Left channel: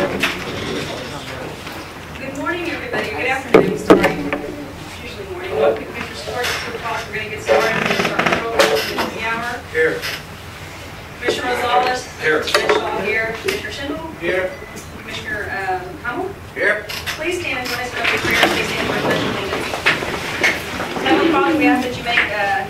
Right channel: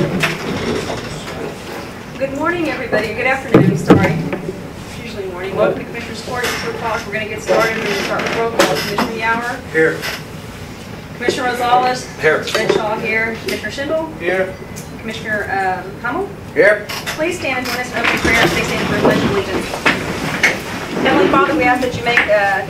Good morning, everybody. Good afternoon, sorry. It's usually morning. Welcome to Commissioner's Court. It's 4 o'clock. We're going to get started. We're going to start the roll call. Commissioner Yower. Here. Commissioner Rosales. Here. Commissioner Shaw here. Commissioner Schindel. Here. Commissioner Hummel. Here. Please stand and join us in opening prayer. Please stand for the pledge of allegiance. Heavenly Father, we ask that you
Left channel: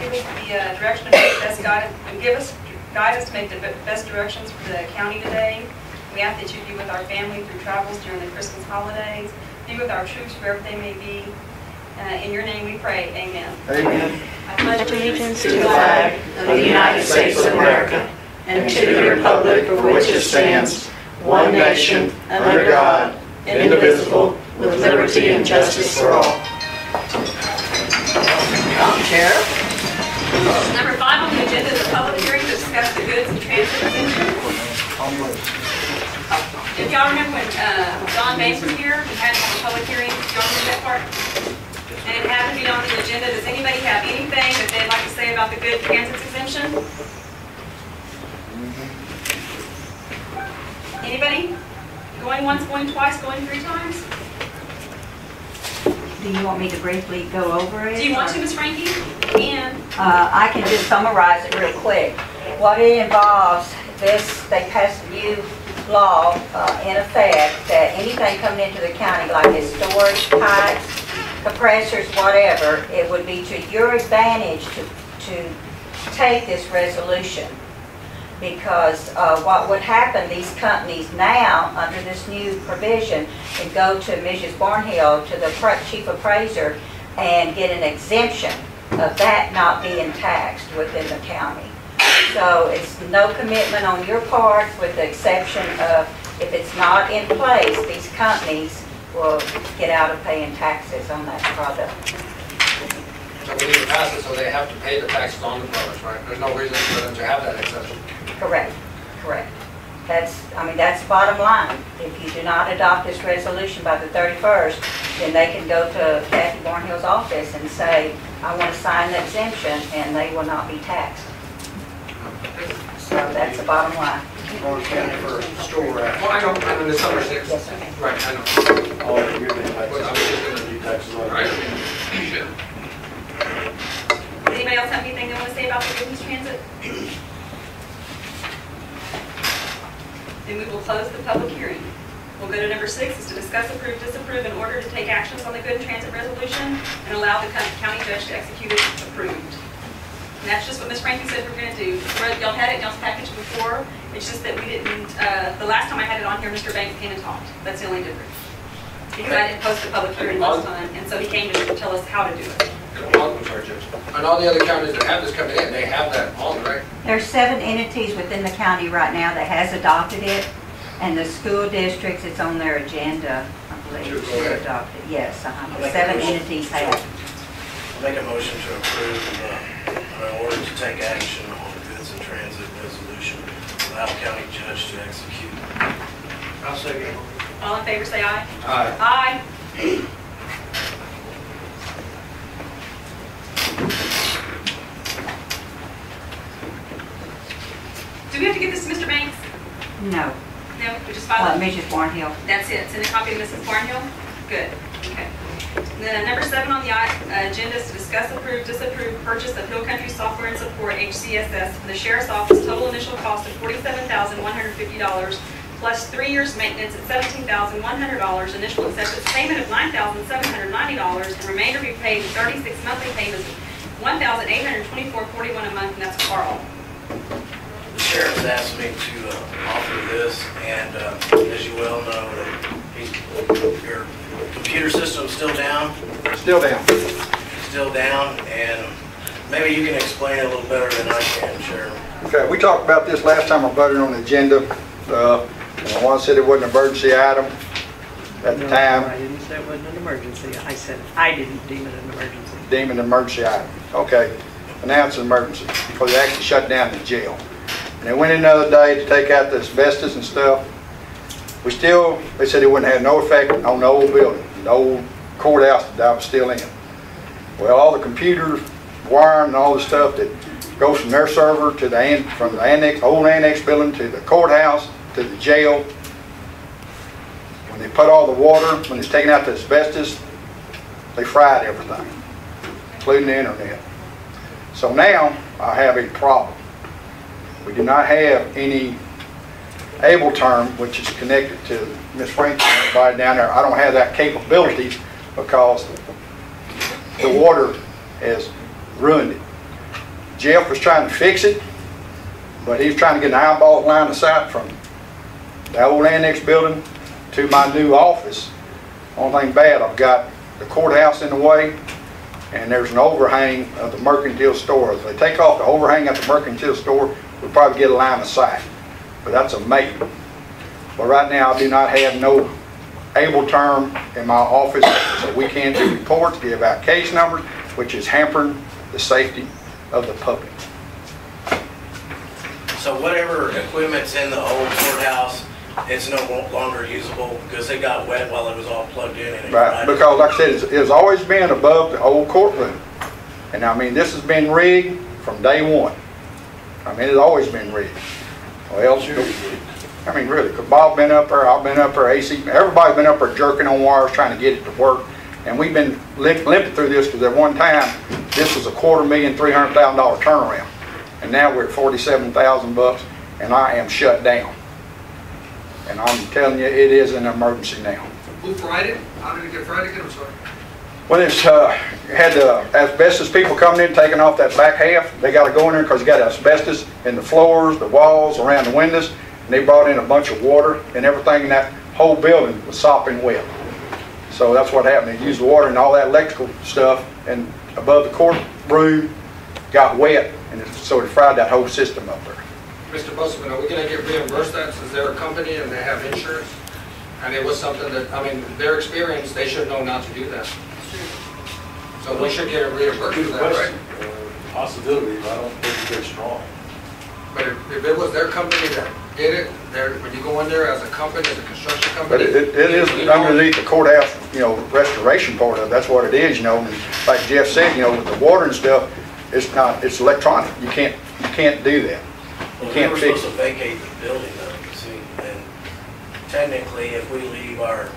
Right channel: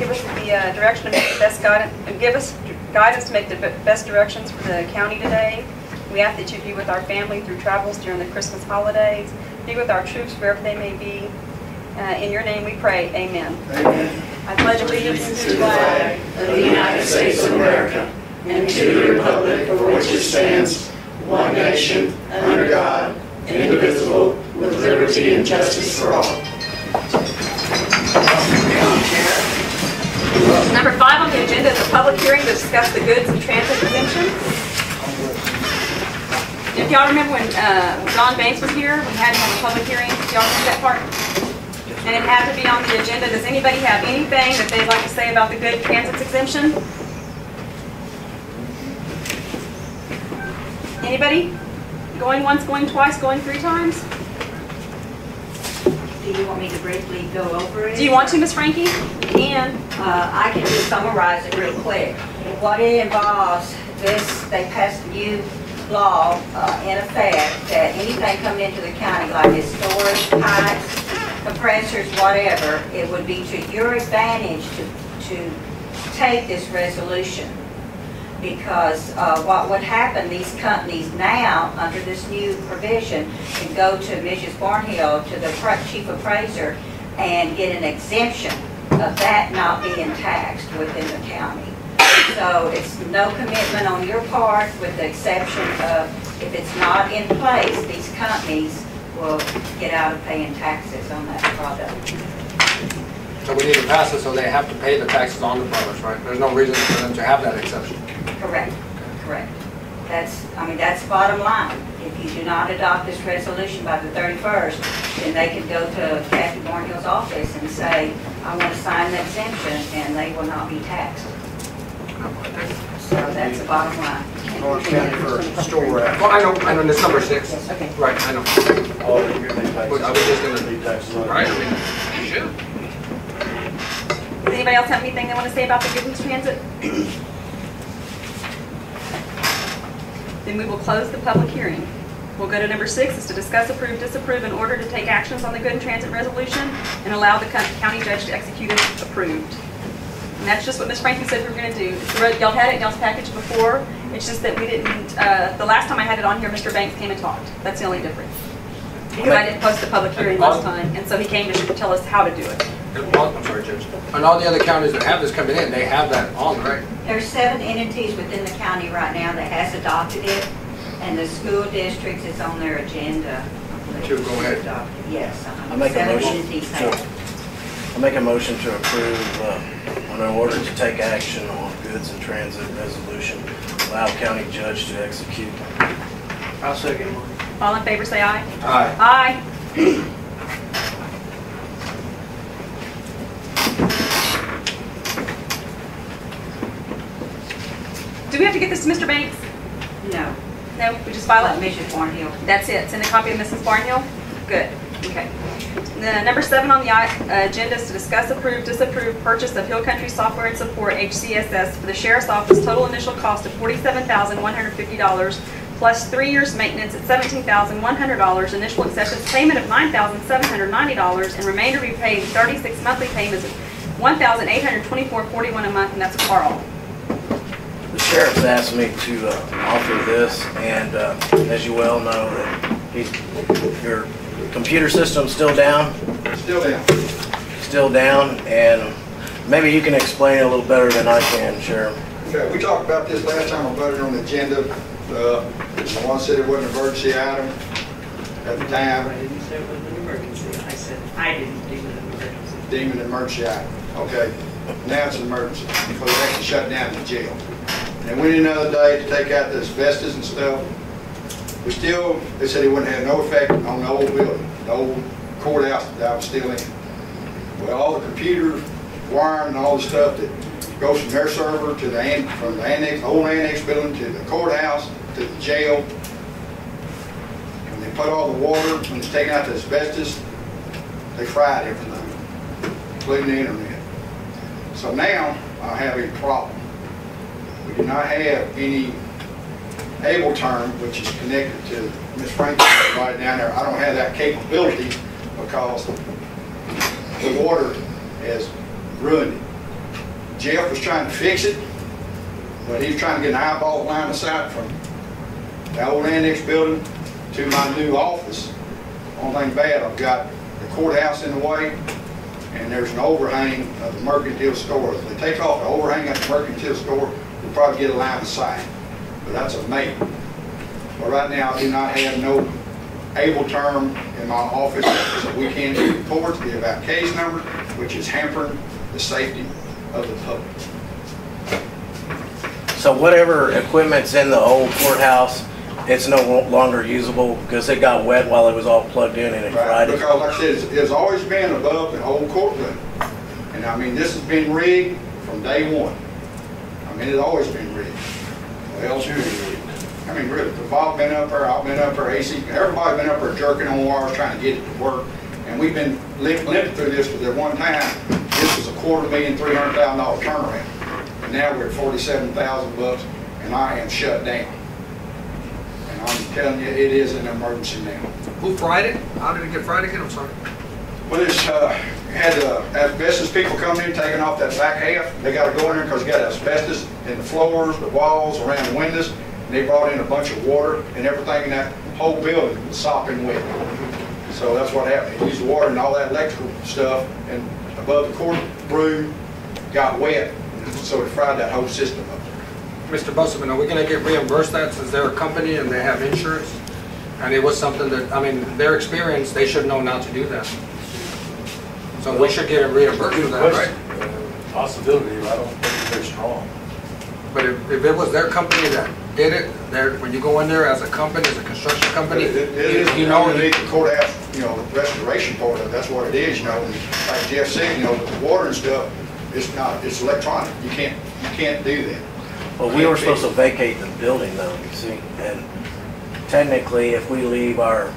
give us the direction to make the best guidance, and give us guidance to make the best directions for the county today. We ask that you be with our family through travels during the Christmas holidays. Be with our troops wherever they may be. In your name we pray. Amen. Amen. I pledge allegiance to the flag of the United States of America and to the republic for which it stands, one nation, under God, indivisible, with liberty and justice for all. Chair. Number 5 on the agenda is a public hearing to discuss the goods and transit exemption. If y'all remember when John Banks was here, we had to have a public hearing. Y'all see that part? And it had to be on the agenda. Does anybody have anything that they'd like to say about the good transit exemption? Anybody? Going once, going twice, going 3 times? Do you want me to briefly go over it? Do you want to, Ms. Frankie? And I can just summarize it real quick. What it involves, they passed a new law in effect that anything coming into the county, like this storage, pipes, compressors, whatever, it would be to your advantage to take this resolution. Because what would happen, these companies now, under this new provision, can go to Mrs. Barnhill, to the chief appraiser, and get an exemption of that not being taxed within the county. So it's no commitment on your part, with the exception of if it's not in place, these companies will get out of paying taxes on that product. So we need to pass it so they have to pay the taxes on the products, right? There's no reason for them to have that exception. Correct, correct. That's the bottom line. If you do not adopt this resolution by the 31st, then they can go to Kathy Barnhill's office and say, I want to sign the exemption, and they will not be taxed. So that's the bottom line. Orange County for store rack. Well, I know this number 6. Yes, okay. Right, I know. All of your taxes. I was just going to do taxes on it. Right, I mean, shit. does anybody else have anything they want to say about the goods transit? Then we will close the public hearing. We'll go to number 6, is to discuss, approve, disapprove, in order to take actions on the good and transit resolution and allow the county judge to execute it approved. And that's just what Ms. Frankie said we're going to do. Y'all had it in y'all's package before. It's just that we didn't, the last time I had it on here, Mr. Banks came and talked. That's the only difference. Because I didn't post the public hearing last time, and so he came to tell us how to do it. I'm sorry, Judge. And all the other counties that have this coming in, they have that on, right? There's 7 entities within the county right now that has adopted it, and the school districts, it's on their agenda, I believe. Sure, go ahead. Adopted. Yes, I'll make a 7 motion. entities have. I'll make a motion to approve an order to take action on goods and transit resolution. Allow county judge to execute. I'll second. All in favor say aye. Aye. Aye. Do we have to get this to Mr. Banks? No. No, we just file it? Mrs. Barnhill. That's it. Send a copy to Mrs. Barnhill? Good. Okay. And then number 7 on the agenda is to discuss, approve, disapprove purchase of Hill Country Software and Support, HCSS, for the Sheriff's Office. Total initial cost of $47,150 plus 3 years maintenance at $17,100, initial acceptance payment of $9,790, and remainder be paid 36 monthly payments of $1,824.41 a month, and that's a Carl. The sheriff's asked me to offer this, and as you well know, your computer system's still down. Still down. Still down, and maybe you can explain a little better than I can, Sheriff. Okay, we talked about this last time I voted on the agenda. One said it wasn't an emergency item at the time. I didn't say it wasn't an emergency. I said I didn't deem it an emergency. Deemed an emergency item. Okay, but now it's an emergency because they actually shut down the jail. And they went in the other day to take out the asbestos and stuff. They said it wouldn't have no effect on the old building, the old courthouse that I was still in. Well, all the computers, wiring, and all the stuff that goes from their server to from the annex, old annex building to the courthouse to the jail, When they put all the water, when it's taken out the asbestos, they fried everything, including the internet. So now I have a problem. We do not have any able term, which is connected to Miss Frank right down there. I don't have that capability because the water has ruined it. Jeff was trying to fix it, but he's trying to get an eyeball line of sight from the old annex building to my new office. Only thing bad, I've got the courthouse in the way, and there's an overhang of the mercantile store. If they take off the overhang at the mercantile store, we'll probably get a line of sight, but that's a maybe. But right now, I do not have no able term in my office, so we can do reports, give out case numbers, which is hampering the safety of the public. So whatever equipment's in the old courthouse, it's no longer usable because it got wet while it was all plugged in and it Right, fried it. because like I said, it's always been above the old courtroom. And I mean, this has been rigged from day one. I mean, it's always been rigged. Well, I mean, really, because Bob been up there, I've been up there, AC, everybody's been up there jerking on wires trying to get it to work. And we've been limping through this because at one time, this was a $250,000, $300,000 turnaround. And now we're at $47,000 and I am shut down. And I'm telling you, it is an emergency now. Who fried it? How did it get fried again? I'm sorry. Well, it's had asbestos people coming in, taking off that back half. They got to go in there because you got asbestos in the floors, the walls, around the windows. And they brought in a bunch of water and everything in that whole building was sopping wet. So that's what happened. They used the water and all that electrical stuff, and above the courtroom got wet, and so it fried that whole system up there. Mr. Busselman, are we going to get reimbursed that since they're a company and they have insurance? And it was something that, I mean, their experience, they should know not to do that. So we should get a reimbursed for that, right? Possibility, but I don't think it's very strong. But if it was their company that did it, when you go in there as a company, as a construction But company, it is underneath the courthouse, you know, restoration part of it. That's what it is, you know. And like Jeff said, you know, with the water and stuff, it's not, it's electronic. You can't do that. Well, we were supposed to vacate the building though, you see, and technically if we leave our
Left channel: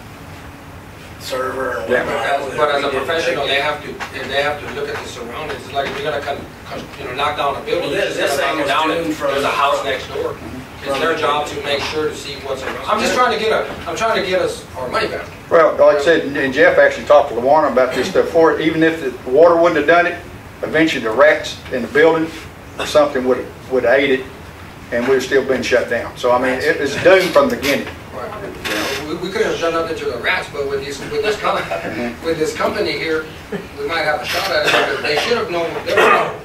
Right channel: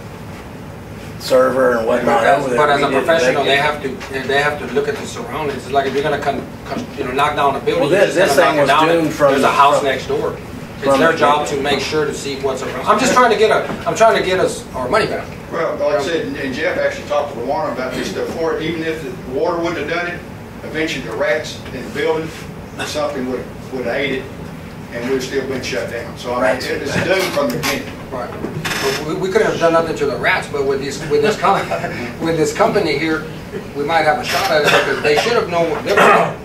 server and whatnot. but as a professional, they have to look at the surroundings. It's like if you're going to knock down a building, Well, this thing was doomed from there's a house next door. It's their job to make sure to see what's around. I'm just trying to get us our money back. Well, like I said, and Jeff actually talked to LaWarner about this stuff for it. Even if the water wouldn't have done it, eventually the rats in the building, something would have ate it, and we'd still been shut down. So I mean, it was doomed from the beginning. Right. So we could have done nothing to the rats, but with this company here, we might have a shot at it because they should have known.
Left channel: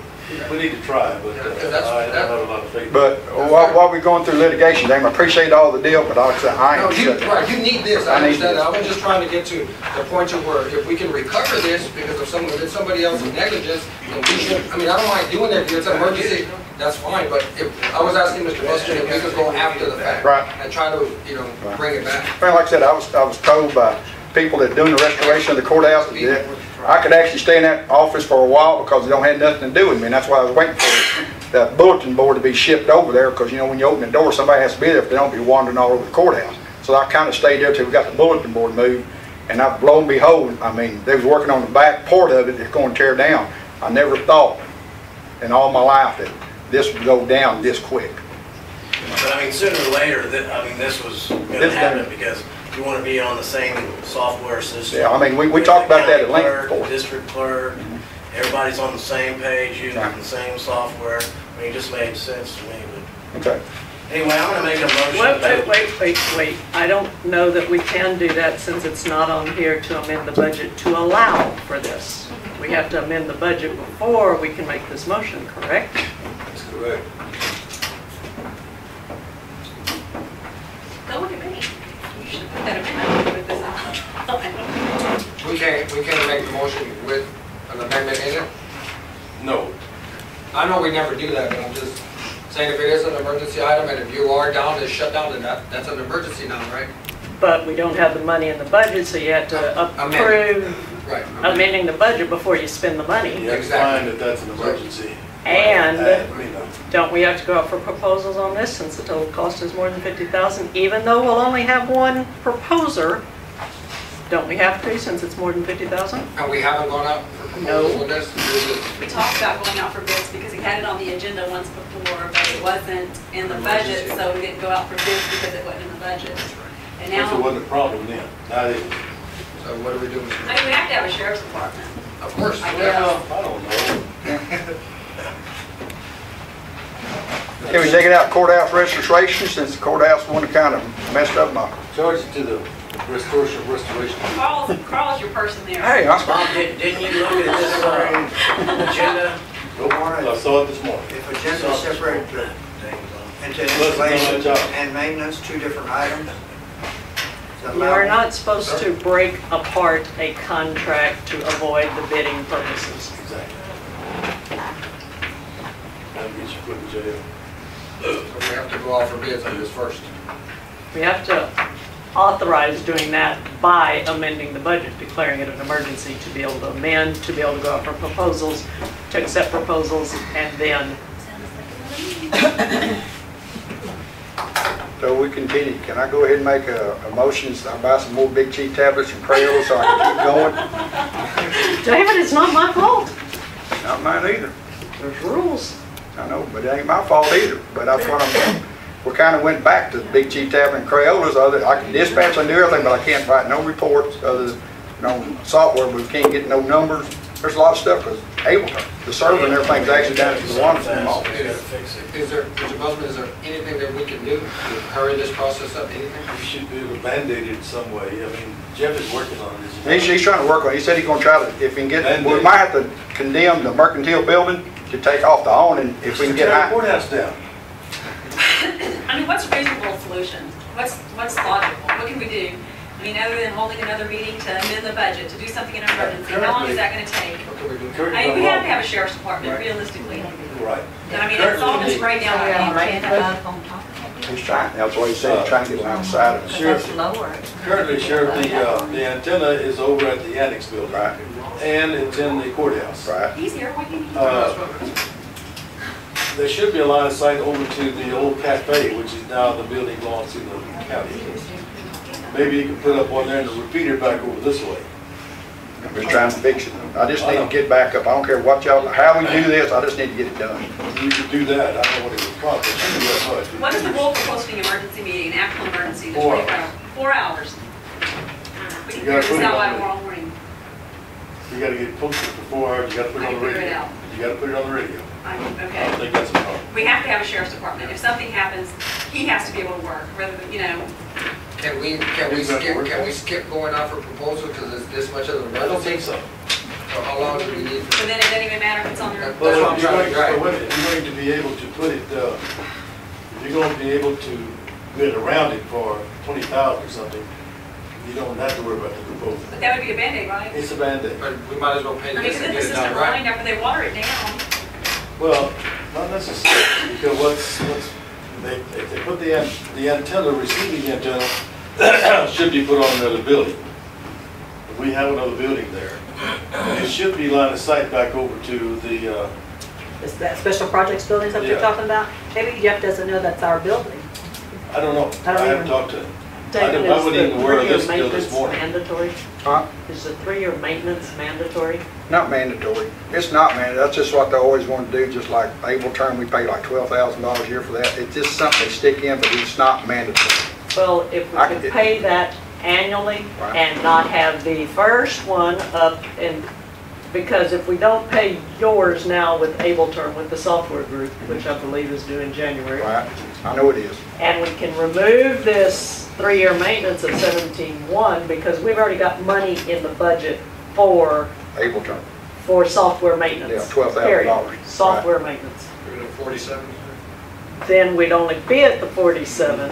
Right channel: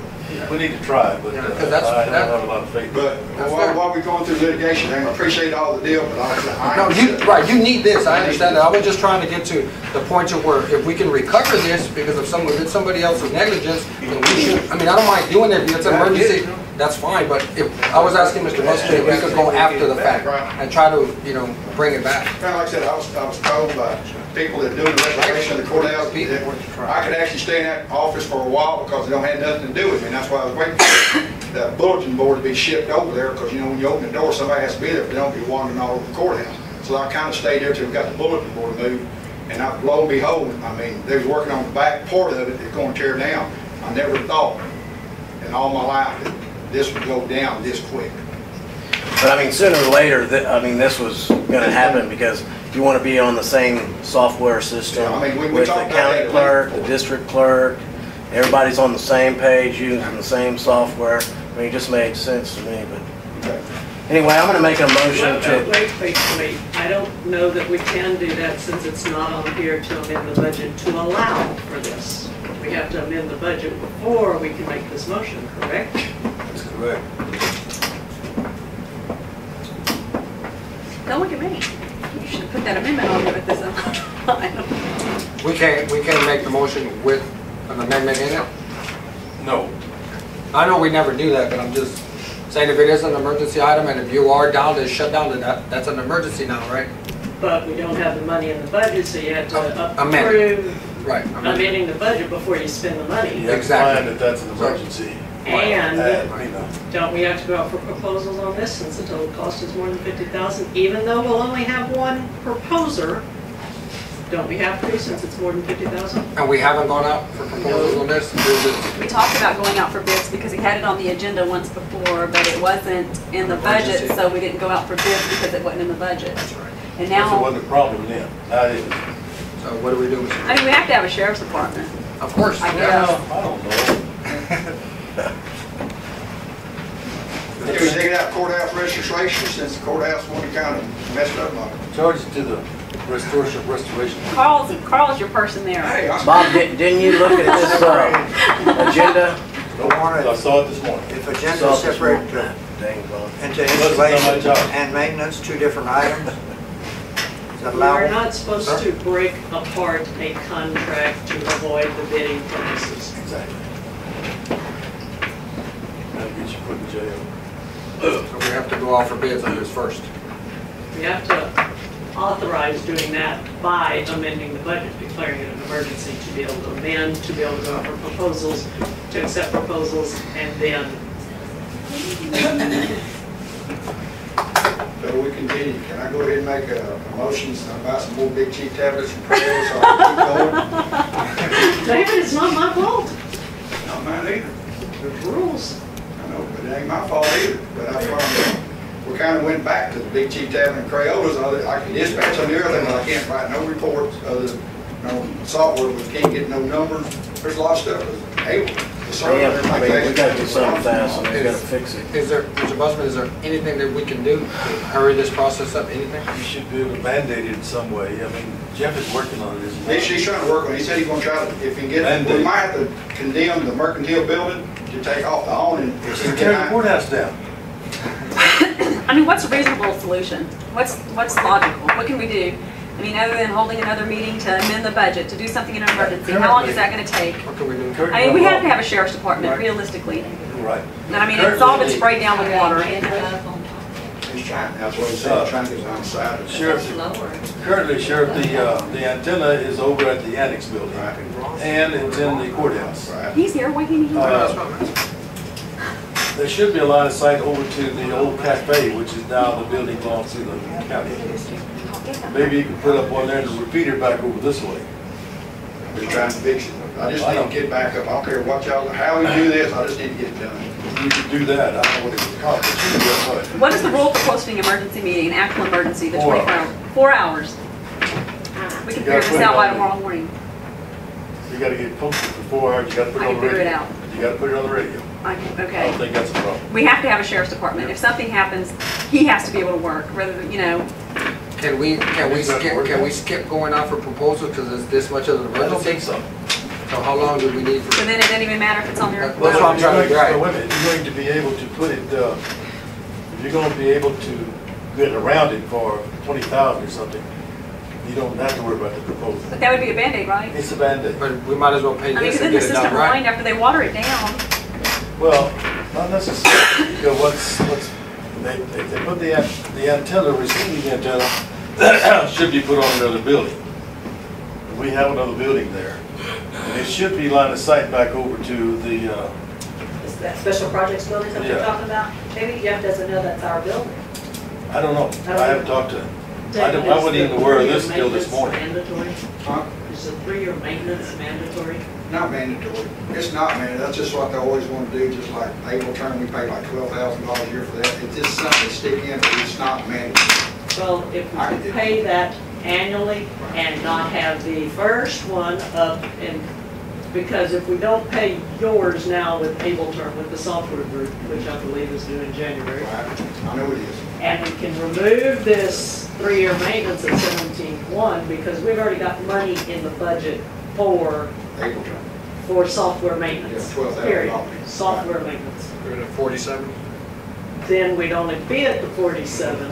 We need to try, but I don't have a lot of faith. But while we're going through litigation, I appreciate all the deal, but I ain't right, you need this. I understand that. I was just trying to get to the point of where if we can recover this because of it's somebody else's negligence, then we should. I mean, I don't mind doing it if it's an emergency. That's fine. But if I was asking Mr. Buster if we could go after the fact and try to, bring it back. Well, like I said, I was told by people that are doing the restoration of the courthouse that I could actually stay in that office for a while because it don't have nothing to do with me. And that's why I was waiting for the bulletin board to be shipped over there because, when you open the door, somebody has to be there if they don't be wandering all over the courthouse. So I kind of stayed there till we got the bulletin board moved. And lo and behold, I mean, they was working on the back part of it that's going to tear down. I never thought in all my life that this would go down this quick. But I mean, sooner or later, this was going to happen because you want to be on the same software system. Yeah, I mean, we talked about that at clerk, length. district clerk, everybody's on the same page using the same software. I mean, it just made sense to me. But Okay. anyway, I'm going to make a motion to. Wait. I don't know that we can do that since it's not on here to amend the budget to allow for this. We have to amend the budget before we can make this motion, correct? That's correct. Don't look at me. You should have put that amendment on with this on. We can't make the motion with an amendment in it. No. I know we never do that, but I'm just saying if it is an emergency item and if you are down to shut down, then that's an emergency now, right? But we don't have the money in the budget, so you have to Amend. approve Right. amending the budget before you spend the money. You have to find that that's an emergency. And Money now. don't we have to go out for proposals on this since the total cost is more than $50,000? Even though we'll only have one proposer, Don't we have to, since it's more than 50,000? And we haven't gone out for proposals on this? We talked about going out for bids because he had it on the agenda once before, but it wasn't in the budget, so we didn't go out for bids because it wasn't in the budget. And That now, wasn't a problem then. Now it is. So what do we do? I mean, we have to have a sheriff's department. Of course. I yeah. I don't know. Can we take it out courthouse registration, since the courthouse one that kind of messed up my... Charge it to the restoration. Carl's your person there. Hey, that's Bob, fine. didn't you look at this agenda? I saw it this morning. If agenda is separated into Listen, installation job. and maintenance, two different items, is that We are allowable? not supposed to break apart a contract to avoid the bidding purposes. Exactly. That'll get you put in jail. So we have to go out for bids on this first. We have to authorize doing that by amending the budget, declaring it an emergency to be able to amend, to be able to go out for proposals, to accept proposals, and then So we continue. Can I go ahead and make a motion, so I buy some more Big G tablets and Crayolas so I can keep going? David, it's not my fault. Not mine either. There's rules. I know, but it ain't my fault either. But that's what I'm saying. We kind of went back to the Big G tablet and Crayolas. I can dispatch, I do everything, but I can't write no reports other than no software, but we can't get no numbers. There's a lot of stuff because the server and everything's actually got to be Sometimes you gotta fix it. Is there, Mr. Busman, is there anything that we can do to hurry this process up? Anything? You should be able to mandate it in some way. I mean, Jeff is working on it. He's trying to work on it. He said he's going to try to, if he can get, we might have to condemn the mercantile building to take off the awning if we can Tear get the out. courthouse down. I mean, what's a reasonable solution? What's logical? What can we do? I mean, other than holding another meeting to amend the budget, to do something in an emergency, how long is that going to take? What can we do? I mean, we have to have a sheriff's department, realistically. Right. And I mean, it's all been sprayed down with water. He's trying, that's what he said, he's trying to get around the side of it. Sheriff, currently, Sheriff, the antenna is over at the annex building. Right. And it's in the courthouse. Right. He's here, why can't he? There should be a line of sight over to the old cafe, which is now the building belongs to the county. Maybe you can put up one there and a repeater back over this way. I'm just trying to fix it. I just need to get back up. I don't care what y'all, how we do this, I just need to get it done. You could do that. I don't know what it would cost, but you can do that. What is the rule for posting emergency meeting, an actual emergency, the 4 24 hours? 4 hours. We can figure this out by tomorrow morning. You gotta get it posted for 4 hours, you gotta put it I on can the figure it radio. out. You gotta put it on the radio. I Okay. don't think that's a problem. We have to have a sheriff's department. If something happens, he has to be able to work, rather than, you know. Can we skip going out for proposals because it's this much of an I don't emergency? think so. So how long do we need for? So then it doesn't even matter if it's on your. That's what I'm trying to Wait a minute, you're going to be able to put it, you're going to be able to get around it for 20,000 or something. You don't have to worry about the proposal. But that would be a Band-Aid, right? It's a Band-Aid. But we might as well pay I mean, this because and then the get it system done will right. wind after they water it down. Well, not necessarily, because if they put the antenna, receiving antenna, should be put on another building. And we have another building there. And it should be line of sight back over to the, Is that special projects building that you're Yeah. talking about? Maybe Jeff doesn't know that's our building. I don't know, I don't I haven't either. talked to him. David, I wasn't is even the aware of 3-year this till this maintenance morning. Mandatory? Huh? Is the 3-year maintenance mandatory? Not mandatory. It's not mandatory. That's just what they always want to do, just like Able Term, we pay like $12,000 a year for that. It's just something they stick in, but it's not mandatory. Well, if we I could could- pay that annually Right. and not have the first one up in, because if we don't pay yours now with Able Term, with the software group, which I believe is due in January, Right? I know it is. and we can remove this 3-year maintenance at 17.1 because we've already got money in the budget for Able Term. software maintenance. Yeah, $12,000. Period. Software maintenance. We're at 47. Then we'd only be at the 47.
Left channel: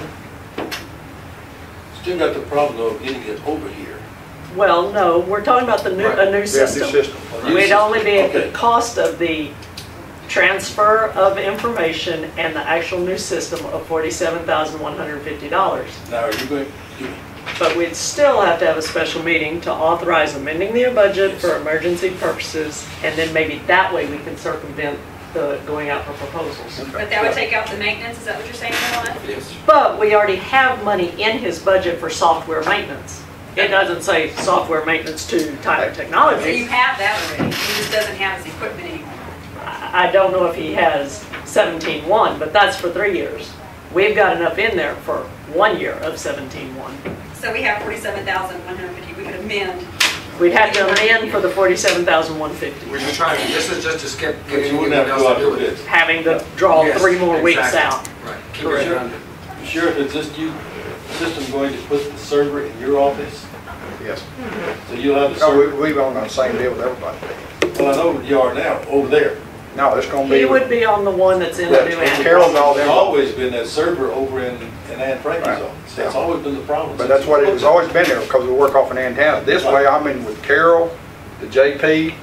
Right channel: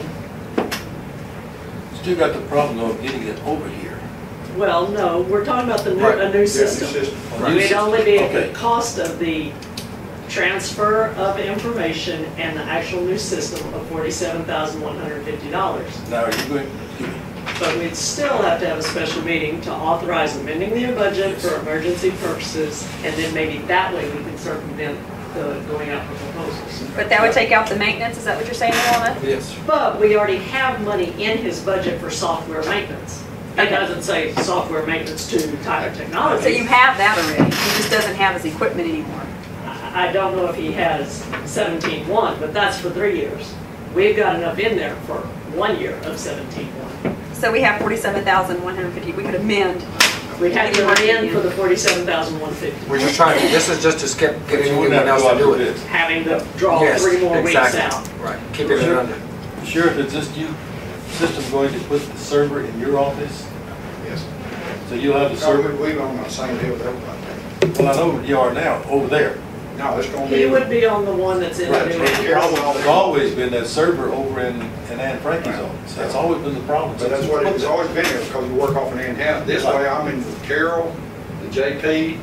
Still got the problem of getting it over here. Well, no, we're talking about the new, Right. a Yeah, new system. We'd only be at the Okay. cost of the transfer of information and the actual new system of $47,150. Now, are you going, But we'd still have to have a special meeting to authorize amending the budget for emergency purposes, and then maybe that way we can circumvent the going out for proposals. But that would take out the maintenance, is that what you're saying, Luana? Yes. But we already have money in his budget for software maintenance. It doesn't say software maintenance to Tyler Technologies. So you have that already, he just doesn't have his equipment anymore. I don't know if he has 17.1, but that's for 3 years. We've got enough in there for 1 year of 17.1. So we have 47,150, we could amend. We'd have to amend for the 47,150, We're just trying, this is just to skip But getting you wouldn't anyone have else to to go do out it. for bid. having to draw Yes, 3 more weeks exactly. out. Right, keep it Sure. under. Sheriff, is this new system going to put the server in your office? Yes. So you'll have the No, server, we're on the same deal with everybody. well, I know you are now, over there. No, it's gonna be. He would be on the one that's in the new Carol's annex. all There's there. always been that server over in Ann Frankie's Right. office. That's always been the problem. But that's what it's always been there, because we work off an antenna. This way, I'm in with Carol, the JP,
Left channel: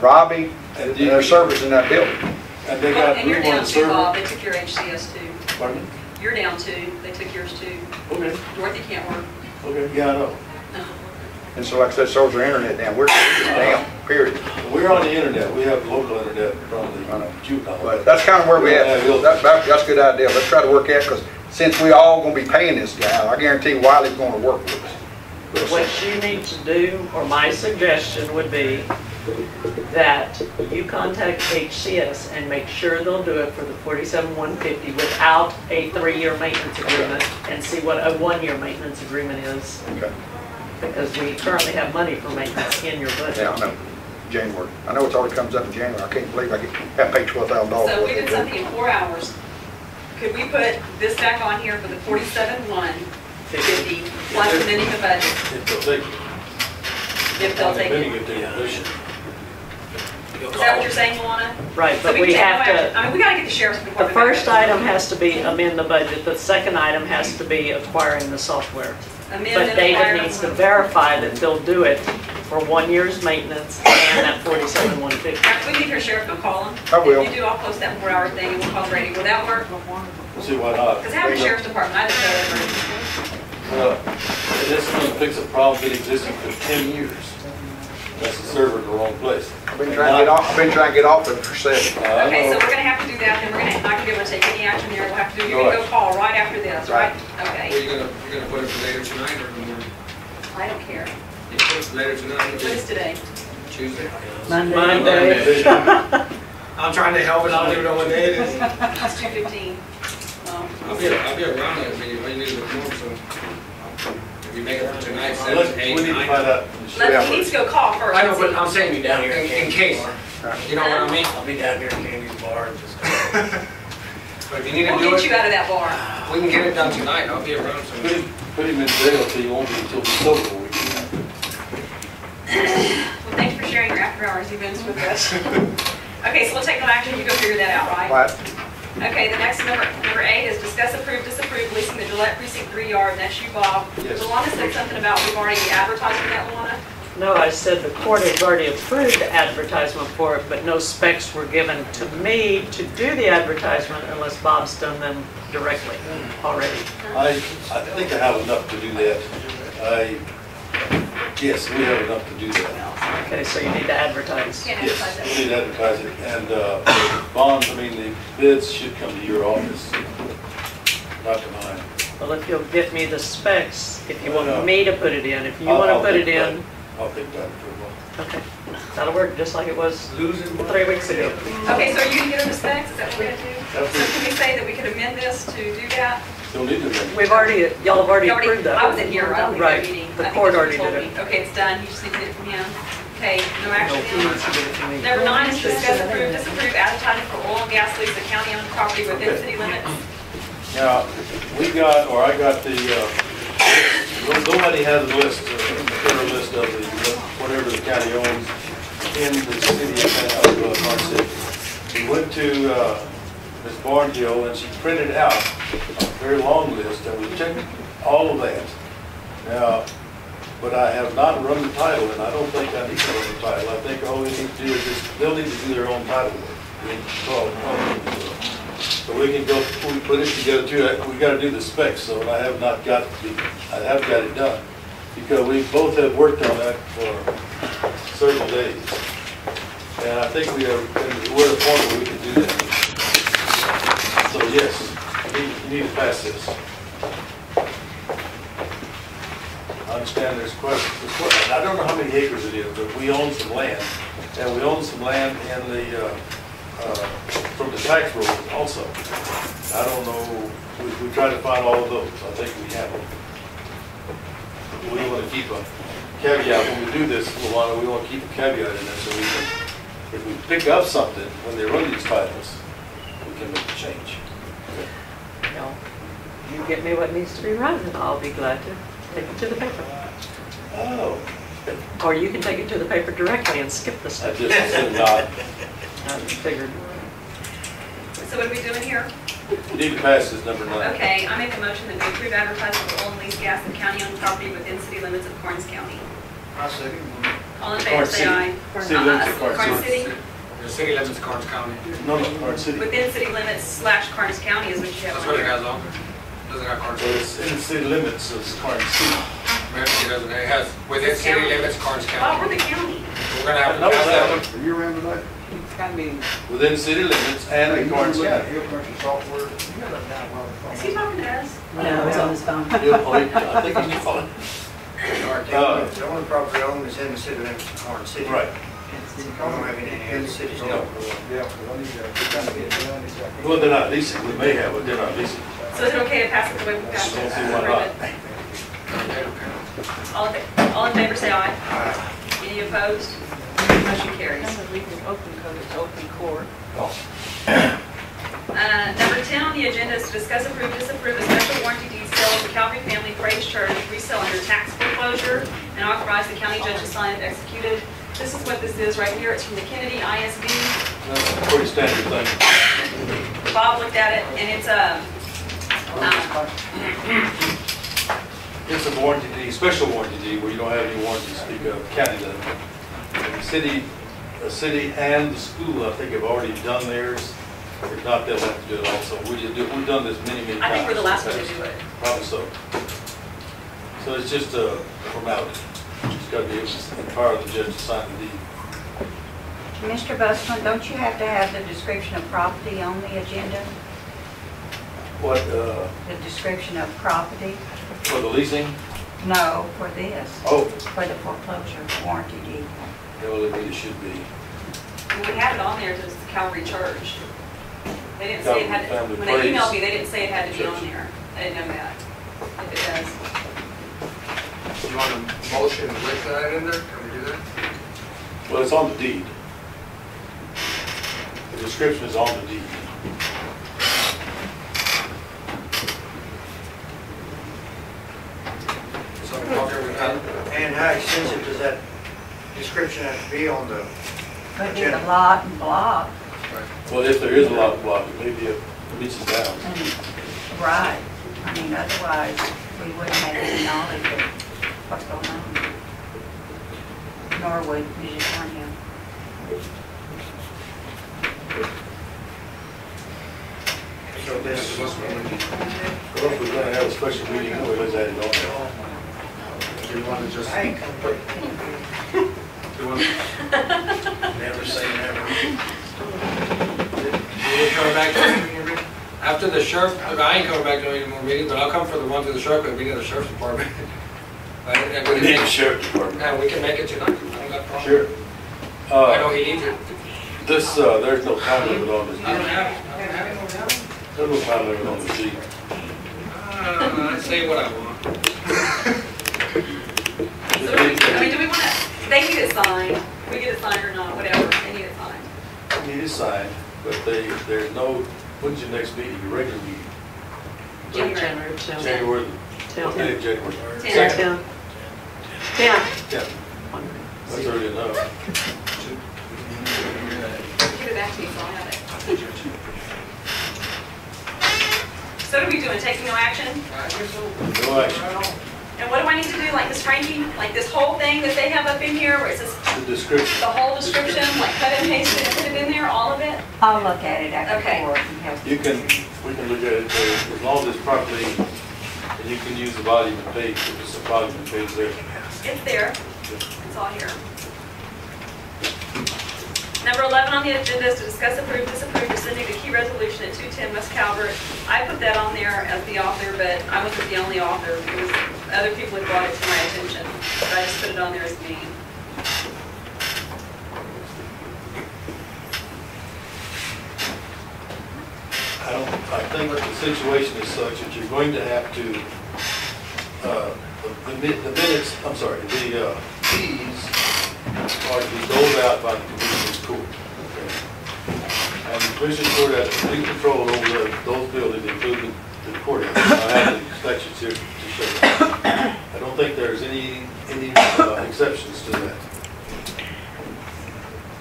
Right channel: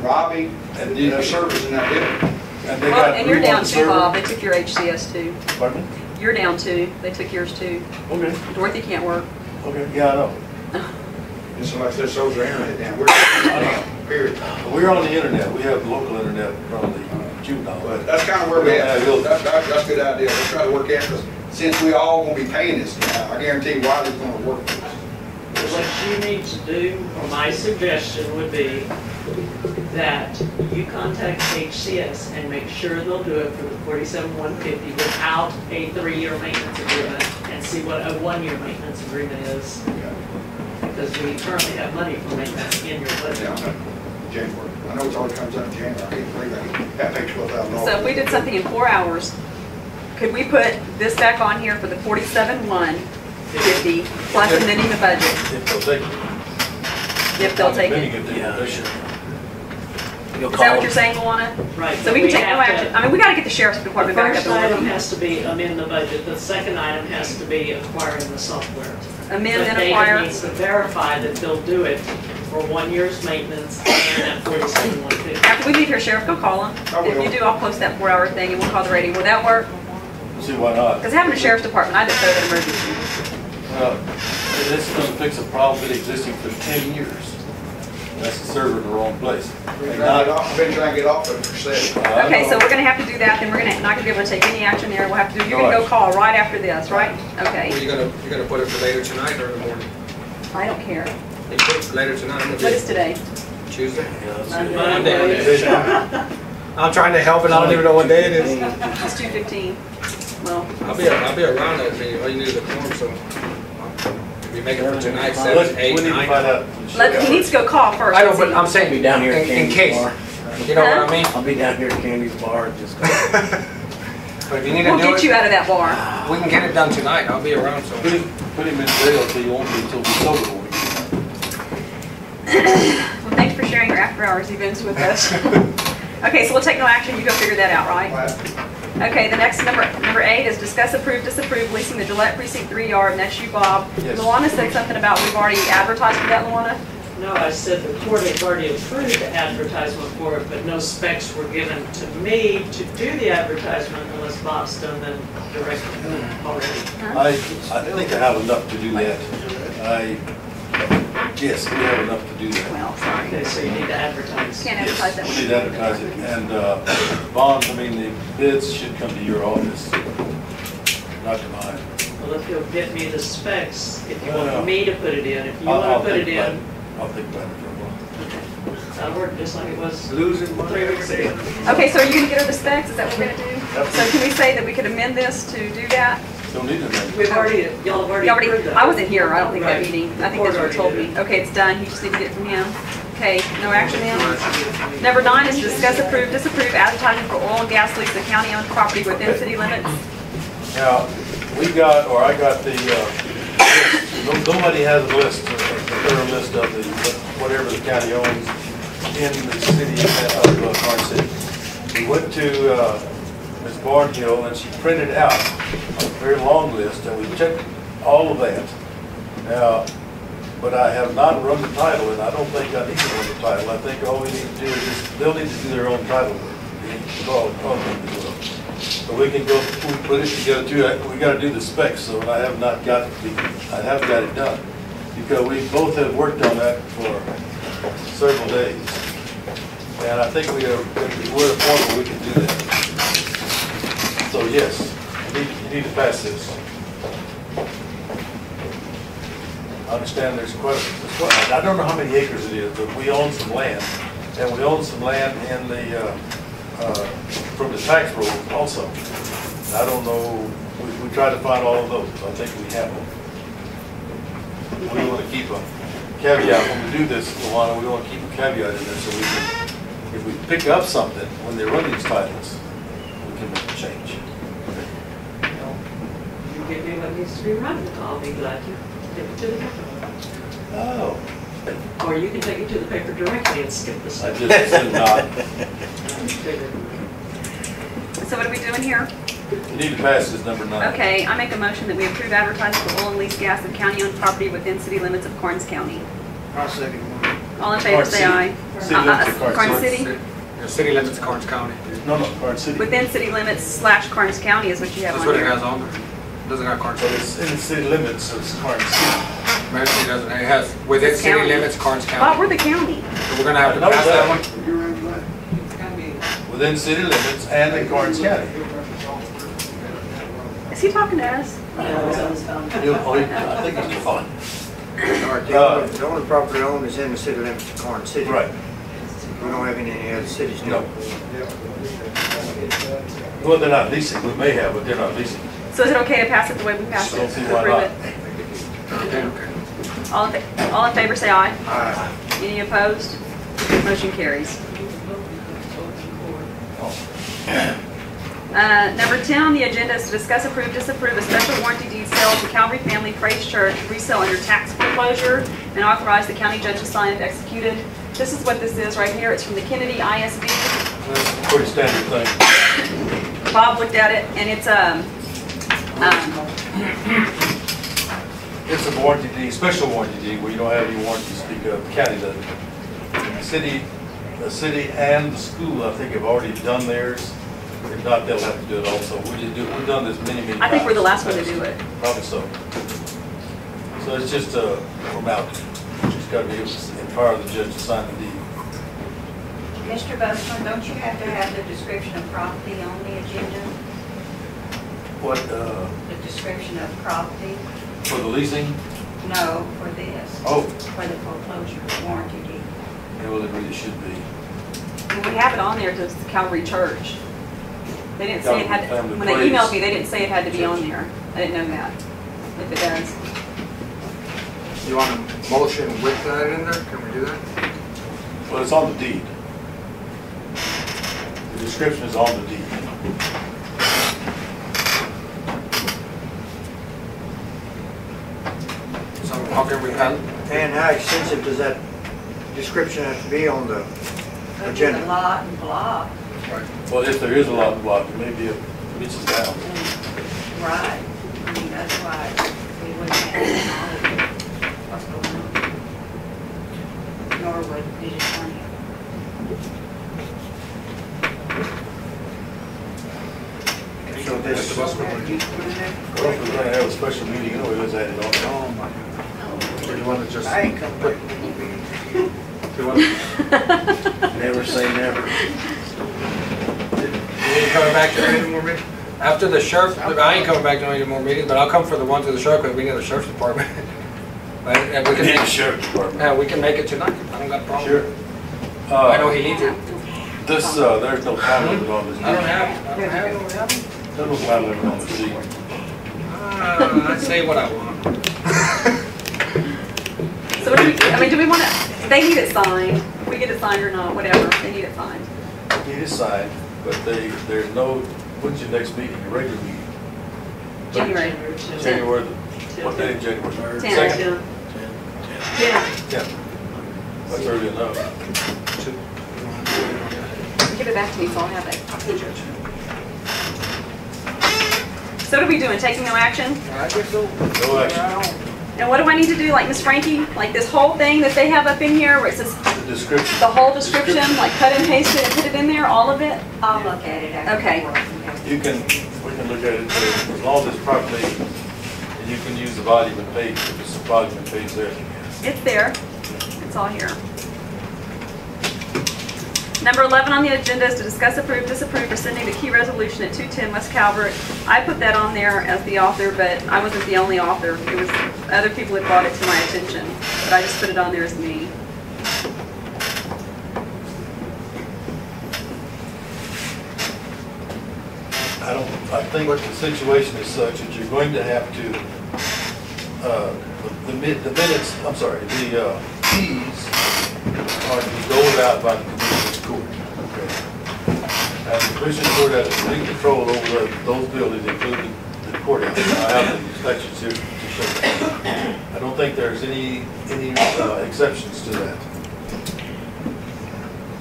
Robbie, and the servers in that building. And they Well, got and you're room on down the too, Bob, server. they took your HCS too. Pardon me? You're down too, they took yours too. Okay, Dorothy can't work. okay, yeah, I know. And so like I said, so's our internet down. We're down, period. We're on the internet, we have local internet from the juvenile. But that's kind of where we at. That's a good idea. Let's try to work out, because since we all gonna be paying this guy, I guarantee Wiley's gonna work with us. What you need to do, or my suggestion would be that you contact HCS and make sure they'll do it for the 47,150 without a 3-year maintenance agreement, and see what a 1-year maintenance agreement is, Okay. because we currently have money for maintenance in your budget. Yeah, I know. January. I know it's already comes up in January. I can't believe I got paid $12,000. So if we did something in 4 hours, could we put this back on here for the 47,150 plus amending the budget? If they'll take it. If they'll take Amending it. it, they should. You'll Is call that what them. you're saying, Luana? Right, So but we can we take no have action, to, I mean, we gotta get the sheriff's the department back first up. item has to be amend the budget, the second item has to be acquiring the software. Amend But and David acquire. needs to verify that they'll do it for 1 year's maintenance and that 47,150. After we leave here, Sheriff, go call him. I will. If you do, I'll post that 4-hour thing and we'll call the radio. Will that work? See why not? Because having a sheriff's department, I just say an emergency. This is gonna fix a problem that existing for 10 years. That's the server in the wrong place. I've been trying to get off it for 7. I Okay, so know. we're gonna have to do that, then we're gonna, not gonna be able to take any action here. We'll have to do, you're gonna go call right after this, right? Well, Okay. you're gonna put it for later tonight or in the morning? I don't care. You put it for later tonight, What is today? Tuesday? Monday. I'm trying to help and I don't even know what day it is. It's 2:15. Well, I'll be around that meeting, all you need is a form, so. If you make it for tonight, Let's- 7, 8, We need to 9. find out. he needs to go call first. I know, but I'm I'll saying, be down here at in Candy's case, bar. you know what I mean? I'll be down here at Candy's bar, just. But if you need to We'll do get you it, out of that bar. we can get it done tonight, I'll be around, Put so. him in jail till he won't be, till he's sober for a week. Well, thanks for sharing your after-hours events with us. Okay, so we'll take no action. You go figure that out, right? Right. Okay, the next number 8 is discuss, approve, disapprove leasing the Gillette Precinct 3 yard, and that's you, Bob. Yes. Luana said something about we've already advertised for that, Luana? No, I said the court has already approved the advertisement for it, but no specs were given to me to do the advertisement unless Bob's done them directly already. I think I have enough to do that. Yes, we have enough to do that. Okay, so you need to advertise. Can't advertise that. Yes, we need to advertise it. And bonds, I mean, the bids should come to your office, not to mine. Well, if you'll get me the specs, if you Well, want me to put it in, if you I'll want to put it think about in, I'll think about it for a while. okay. That'll work just like it was Losing 3 weeks ago. Okay, so are you gonna get her the specs? Is that what we're gonna do? So can we say that we could amend this to do that? Don't need to amend it. We've already, y'all have already You already, approved that. I wasn't here. I don't think Right. that meeting. The I think court that's what already you told did me. Okay, it's done. You just need to get it from him. Okay, no action then. Number 9 is discuss, approve, disapprove advertising for oil and gas lease of county-owned property within city limits. Now, we got, or I got the, list. Nobody has a list, a thorough list of the, whatever the county owns in the city of Karnes City. We went to Ms. Barnhill and she printed out a very long list and we checked all of that. Now, but I have not run the title and I don't think I need to run the title. I think all we need to do is just, they'll need to do their own title work. We need to call them as well. So we can go, we put it together too, we gotta do the specs, so I have not got, I haven't got it done. Because we both have worked on that for several days. And I think we're at a point where we can do that. So yes, you need to pass this. I understand there's quite, I don't know how many acres it is, but we own some land. And we own some land in the, from the tax roll also. I don't know, we try to find all of those. I think we have them. We want to keep a caveat, when we do this, Luana, we want to keep a caveat in there so we can, if we pick up something, when they run these titles, we can make a change. Well, you get me what needs to be run, and I'll be glad to take it to the paper. Oh. Or you can take it to the paper directly and skip the I stuff. just assume not. I figured. So what are we doing here? You need to pass this number 9. Okay, I make a motion that we approve advertising of oil and lease gas and county-owned property within city limits of Karnes County. I'll second. All in favor, Karnes say City. aye. City limits of Karnes Karnes City. City? The city limits of Karnes County. No, Karnes City. Within city limits / Karnes County is what you have That's on what it here. has on there. Doesn't have Karnes So City. it's in the city limits of Karnes City. Maybe it doesn't. It has within It's city county. limits Karnes Oh, County. we're the county. So we're gonna have to I know pass that that. one. You remember that? It's gotta be. Within city limits and in Karnes County. Is he talking to us? No, it's on his phone. I think it's fine. The only property owned is in the city limits of Karnes City. Right. We don't have any other cities. No. Well, they're not leasing. We may have, but they're not leasing. So is it okay to pass it the way we passed it? Don't see why Approve not. it? All in favor, say aye. Aye. Any opposed? Motion carries. Open court. Number 10 on the agenda is to discuss, approve, disapprove a special warranty deed sale to Calvary Family Praise Church, resale under tax foreclosure, and authorize the county judge to sign if executed. This is what this is right here. It's from the Kennedy ISD. That's a pretty standard thing. Bob looked at it, and it's It's a warranty deed, special warranty deed, where you don't have any warranty to speak of. The county doesn't. And the city and the school, I think, have already done theirs. If not, they'll have to do it also. We've done this many times. I think we're the last one to do it. Probably so. So it's just a formality. Just got to be empower the judge to sign the deed. Mr. Busman, don't you have to have the description of property on the agenda? What, The description of property? for the leasing? No, for this, Oh, for the foreclosure warranty deed. yeah, well, it really should be. And we have it on there to Calvary Church. They didn't say it had, Calvary when they Family emailed Praise me, they didn't say it had to be on Church. there. I didn't know that. If it does. You want a motion with that in there? Can we do that? Well, it's on the deed. The description is on the deed. So how can we pen? And how extensive does that description have to be on the But it's agenda? a lot and block, Well, if there is a lot block, it may be a reaches down. and, right, I mean, otherwise, we wouldn't have any knowledge of what's going on. Nor would Vision County have. So this, Well, if we're gonna have a special meeting anyway, let's add it on there. Do you want to just? I ain't coming. Do you want? Never say never. You ain't coming back to any more meetings? After the sheriff, I ain't coming back to any more meetings, but I'll come for the one to the sheriff, because we need the sheriff's department. And we We can need a make, sheriff department. yeah, we can make it tonight. I don't got a problem. Sure. I know he needs it. This, there's no time limit on this. I don't have it. I don't have it. There's no time limit on the sheet. I say what I want. So what do we, I mean, do we want to, they need it signed. If we get it signed or not, whatever, they need it signed. Need it signed, but there's no, when's your next meeting, your regular meeting? January. January, what day in January? 10. Second? 10. Yeah. That's early enough. Give it back to me, so I'll have it. So what are we doing, taking no action? No action. And what do I need to do, like Miss Frankie? Like this whole thing that they have up in here where it says The description. the whole description, like cut and paste it and put it in there, all of it? I'll look at it after Okay. work and have. We can look at it, as long as it's properly, and you can use the volume and page, if it's a volume and page there. It's there. It's all here. Number 11 on the agenda is to discuss, approve, disapprove rescinding the key resolution at 210 West Calvert. I put that on there as the author, but I wasn't the only author. It was other people had brought it to my attention, but I just put it on there as me. I think the situation is such that you're going to have to, the minutes, I'm sorry, the keys are to be doled out by the Commissioner's Court. Okay. And the Commissioner's Court has complete control over those buildings, including the courthouse. I have the statutes here to show that. I don't think there's any exceptions to that.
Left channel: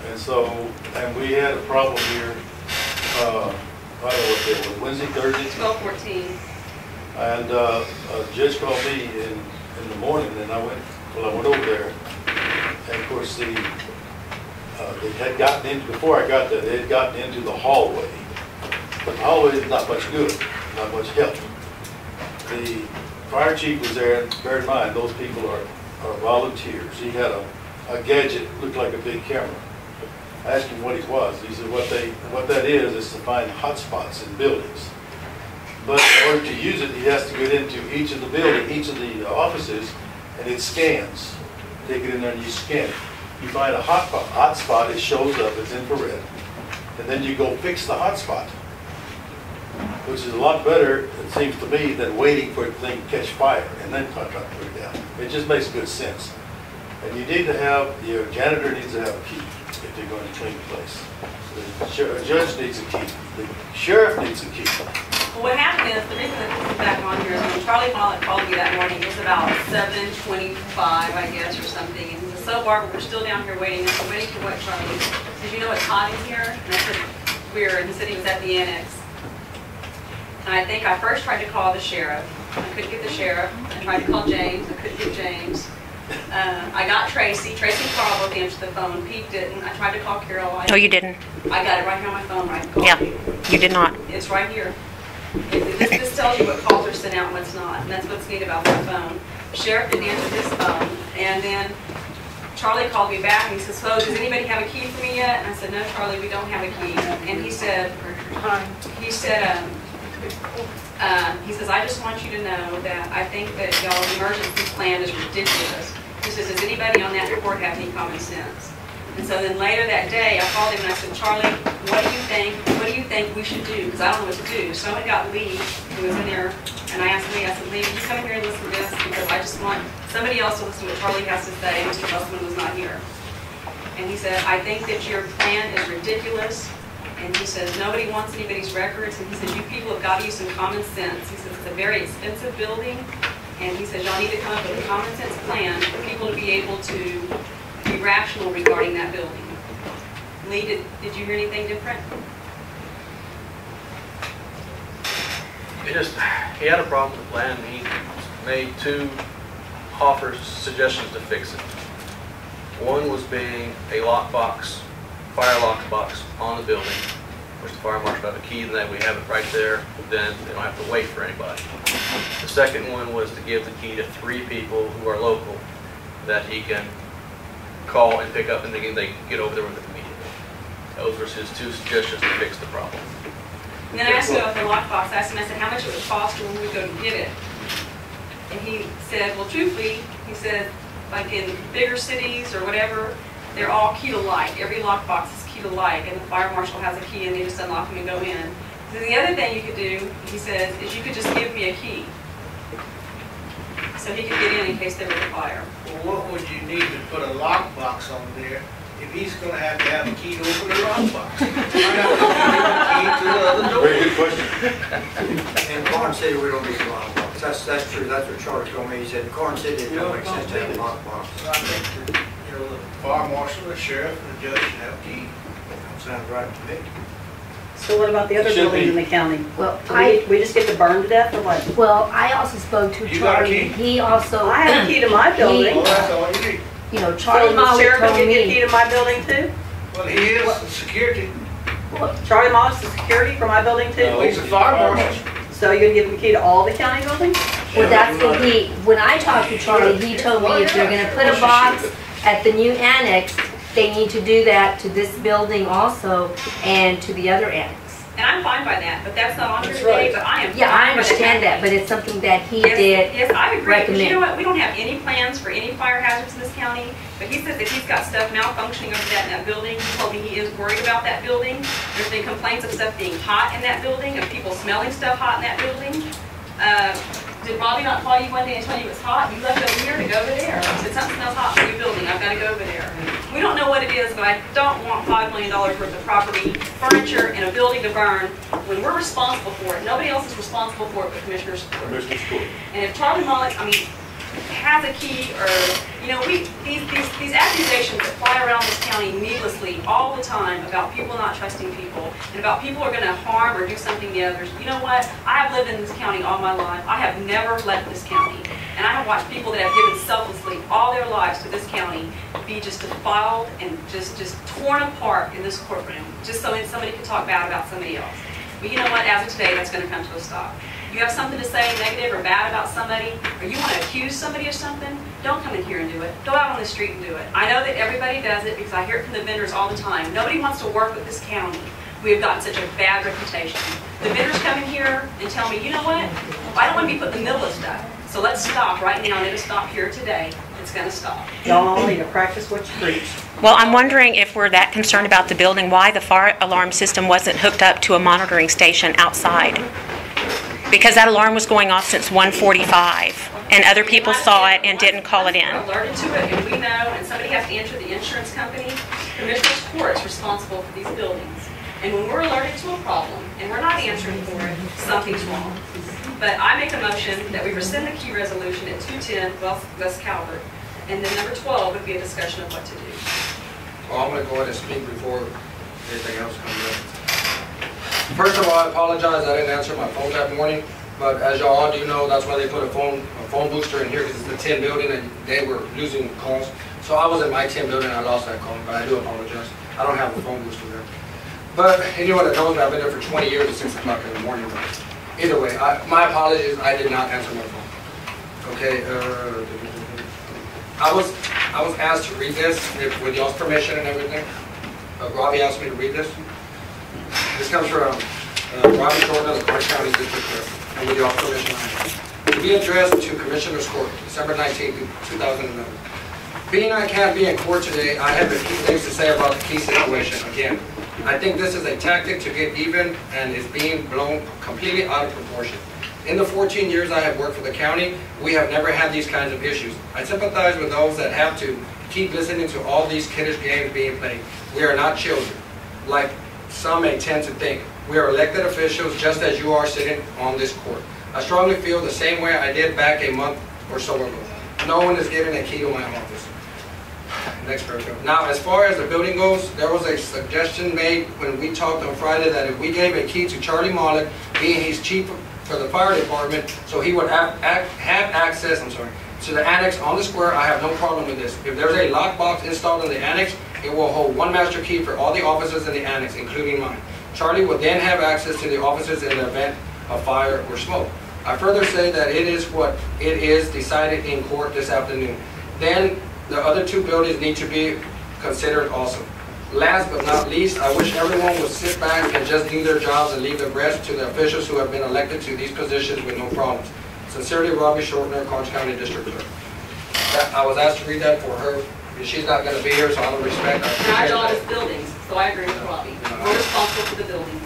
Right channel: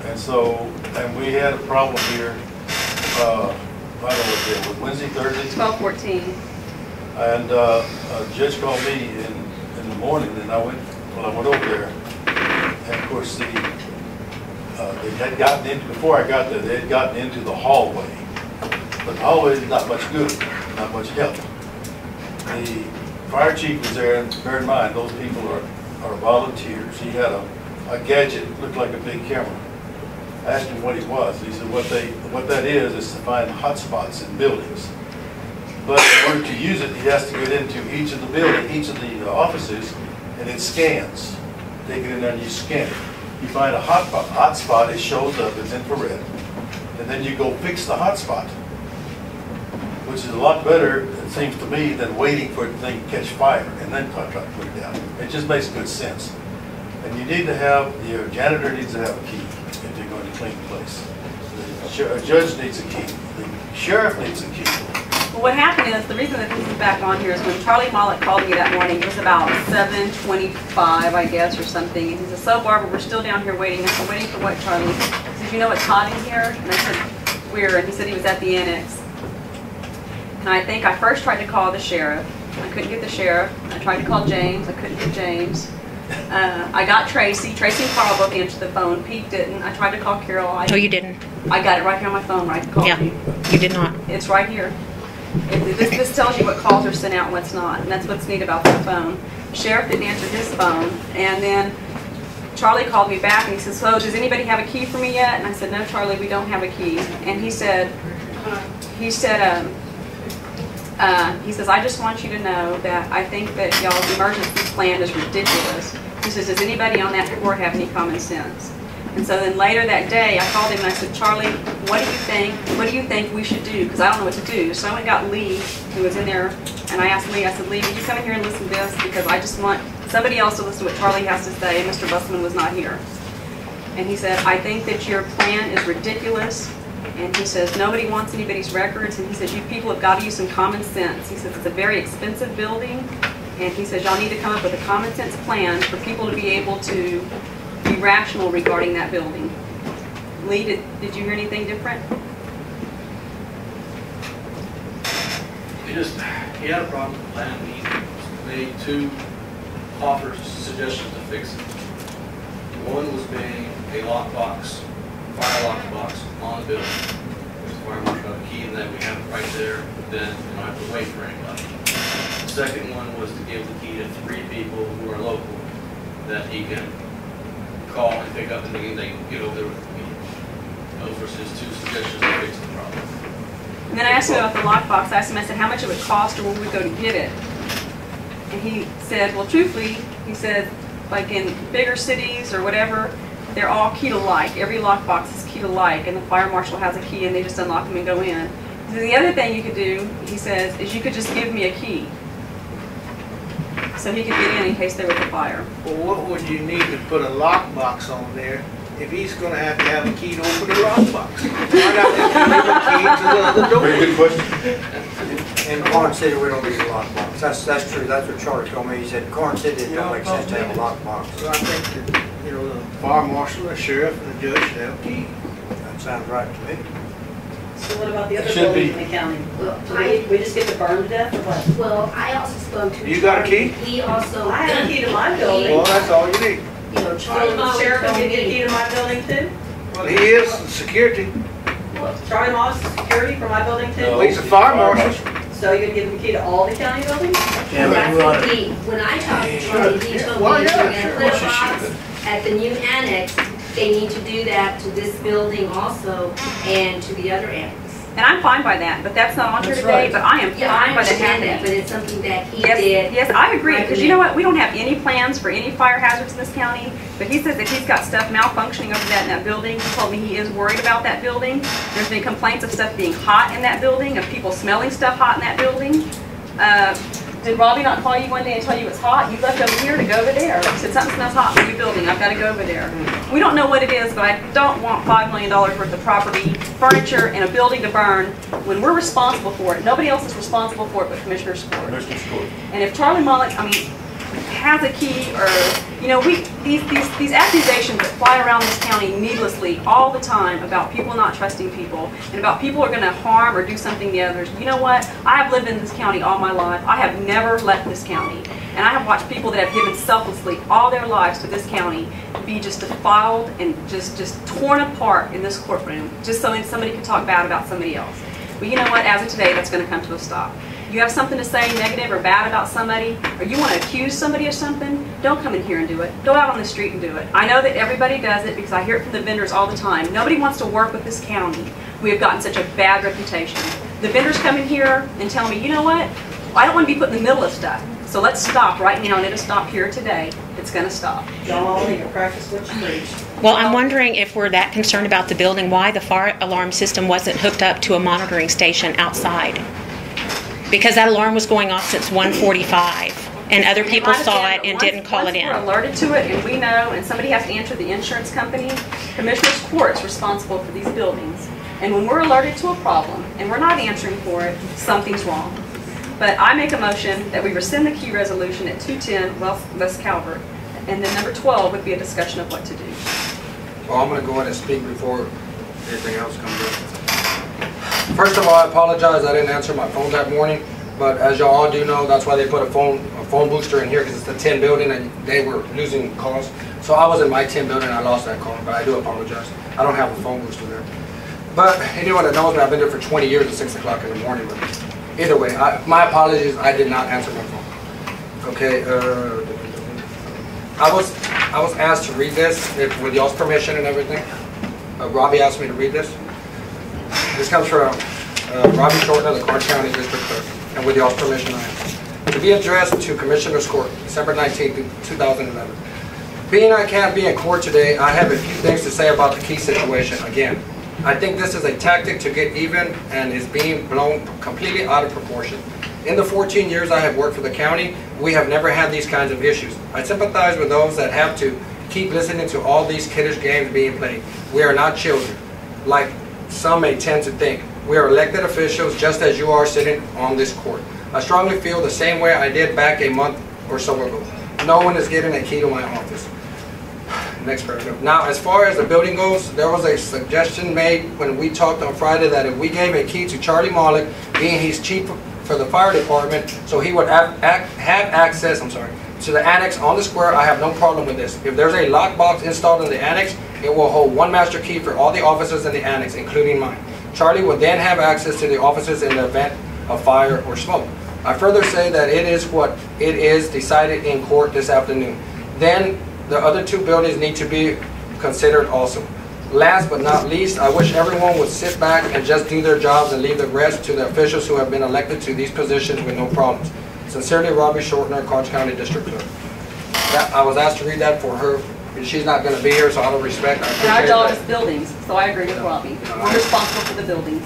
And so, and we had a problem here, I don't know what day it was, Wednesday, Thursday? 12:14. And a judge called me in the morning, and I went over there. And of course, they had gotten into, before I got there, they had gotten into the hallway. But the hallway is not much good, not much help. The fire chief was there, and bear in mind, those people are volunteers. He had a gadget, looked like a big camera. I asked him what it was. He said what that is to find hot spots in buildings. But in order to use it, he has to get into each of the offices, and it scans. Take it in there and you scan it. You find a hot spot, it shows up, it's infrared. And then you go fix the hot spot, which is a lot better, it seems to me, than waiting for the thing to catch fire and then try to put it down. It just makes good sense. And you need to have, your janitor needs to have a key if they're going to clean the place. A judge needs a key. The sheriff needs a key. Well, what happened is, the reason that this is back on here is when Charlie Mollett called me that morning, it was about 7:25, I guess, or something. And he said, so Barbara, we're still down here waiting. I said, waiting for what, Charlie? He said, you know it's hot in here? And I said, where? And he said he was at the annex. And I think I first tried to call the sheriff. I couldn't get the sheriff. I tried to call James. I couldn't get James. I got Tracy. Tracy probably answered the phone. Pete didn't. I tried to call Carol. No, you didn't. I got it right here on my phone, right? Yeah, you did not. It's right here. This tells you what calls are sent out and what's not, and that's what's neat about the phone. Sheriff didn't answer his phone, and then Charlie called me back and he said, so does anybody have a key for me yet? And I said, no, Charlie, we don't have a key. And he says, I just want you to know that I think that y'all's emergency plan is ridiculous. He says, does anybody on that board have any common sense? And so then later that day, I called him and I said, Charlie, what do you think? What do you think we should do? Because I don't know what to do. So I went and got Lee, who was in there, and I asked Lee, I said, Lee, would you come in here and listen to this? Because I just want somebody else to listen to what Charlie has to say. Mr. Busman was not here. And he said, I think that your plan is ridiculous. And he says, nobody wants anybody's records. And he says, you people have got to use some common sense. He says, it's a very expensive building. And he says, y'all need to come up with a common sense plan for people to be able to be rational regarding that building. Lee, did you hear anything different? He had a problem with the plan. He made two offers, suggestions to fix it. One was being a lockbox, fire lockbox on the building, which the fire marshal had a key, and then we have it right there. Then they don't have to wait for anybody. The second one was to give the key to 3 people who are local that he can call and pick up, and they can get over there with it immediately. Those were his 2 suggestions to fix the problem. And then I asked him about the lockbox. I asked him, I said, how much it would cost or when we go to get it? And he said, well, truthfully, he said, like in bigger cities or whatever, they're all key to like. Every lockbox is key to like, and the fire marshal has a key, and they just unlock them and go in. So the other thing you could do, he says, is you could just give me a key, so he could get in case there was a fire. Well, what would you need to put a lockbox on there if he's going to have a key to open the lockbox? Why not just give a key to the other door? Very good question. In Karnes City, we don't use a lockbox. That's true. That's what Charlie told me. He said in Karnes City, it don't make sense to have a lockbox. So I think that, the fire marshal, the sheriff, and the judge should have a key. That sounds right to me. So what about the other Should buildings be. in the county? Well, So we just get to burn to death or what? Well, I also spoke to You got a Charlie. key? He also, I have a key to my building. Well, that's all you need. So Charlie the Molly sheriff told can get a key me. to my building too? Well, he is the security. Charlie Moss is security for my building too? No. He's a fire marshal. So you're gonna give him a key to all the county buildings? Well, that's what when I talked to Charlie, he told me if you're gonna put a box at the new annex, they need to do that to this building also and to the other annex. And I'm fine by that, but that's not on here That's today, right. but I am Yeah, I fine by understand that, happening. but it's something that he Yes, did. yes, I agree, because you know recommend. what, we don't have any plans for any fire hazards in this county, but he says that he's got stuff malfunctioning over that in that building. He told me he is worried about that building. There's been complaints of stuff being hot in that building, of people smelling stuff hot in that building. Did Robbie not call you one day and tell you it's hot? You left over here to go over there. He said something smells hot in your building, I've got to go over there. We don't know what it is, but I don't want $5 million worth of property, furniture, and a building to burn when we're responsible for it. Nobody else is responsible for it but Commissioner's Court. Commissioner's Court. And if Charlie Mullet, I mean, has a key, or, you know, these accusations that fly around this county needlessly all the time about people not trusting people, and about people are going to harm or do something to others. You know what? I have lived in this county all my life. I have never left this county. And I have watched people that have given selflessly all their lives to this county be just defiled and just torn apart in this courtroom, just so somebody could talk bad about somebody else. But you know what? As of today, that's going to come to a stop. You have something to say negative or bad about somebody, or you want to accuse somebody of something, don't come in here and do it. Go out on the street and do it. I know that everybody does it because I hear it from the vendors all the time. Nobody wants to work with this county. We have gotten such a bad reputation. The vendors come in here and tell me, you know what? I don't want to be put in the middle of stuff. So let's stop right now, and it'll stop here today. It's going to stop. Y'all all need to practice what you preach. Well, I'm wondering if we're that concerned about the building, why the fire alarm system wasn't hooked up to a monitoring station outside. Because that alarm was going off since 1:45, and other people saw it and didn't call it in. Once we're alerted to it, and we know, and somebody has to answer the insurance company, Commissioner's Court is responsible for these buildings. And when we're alerted to a problem, and we're not answering for it, something's wrong. But I make a motion that we rescind the key resolution at 210 West Calvert, and then number 12 would be a discussion of what to do. Well, I'm going to go ahead and speak before anything else comes up. First of all, I apologize. I didn't answer my phone that morning, but as y'all all do know, that's why they put a phone booster in here, because it's the 10 building and they were losing calls. So I was in my 10 building and I lost that call, but I do apologize. I don't have a phone booster there. But anyone that knows me, I've been there for 20 years at 6 o'clock in the morning. But either way, my apologies. I did not answer my phone. Okay. I was asked to read this with y'all's permission and everything. Robbie asked me to read this. This comes from Robbie Shortner, the Karnes County District Clerk, and with y'all's permission, to be addressed to Commissioner's Court, December 19, 2011. Being I can't be in court today, I have a few things to say about the key situation. Again, I think this is a tactic to get even and is being blown completely out of proportion. In the 14 years I have worked for the county, we have never had these kinds of issues. I sympathize with those that have to keep listening to all these kiddish games being played. We are not children, like some may tend to think. We are elected officials just as you are sitting on this court. I strongly feel the same way I did back a month or so ago. No one is getting a key to my office. Next paragraph. Now, as far as the building goes, there was a suggestion made when we talked on Friday that if we gave a key to Charlie Mollick, being he's chief for the fire department, so he would have access, to the annex on the square. I have no problem with this. If there's a lockbox installed in the annex, it will hold one master key for all the officers in the annex, including mine. Charlie will then have access to the officers in the event of fire or smoke. I further say that it is what it is decided in court this afternoon. Then the other two buildings need to be considered also. Last but not least, I wish everyone would sit back and just do their jobs and leave the rest to the officials who have been elected to these positions with no problems. Sincerely, Robbie Shortner, Karnes County District Clerk. I was asked to read that for her. She's not going to be here, so out of respect, I appreciate And our job that. is buildings, so I agree with Robbie. We're responsible for the buildings.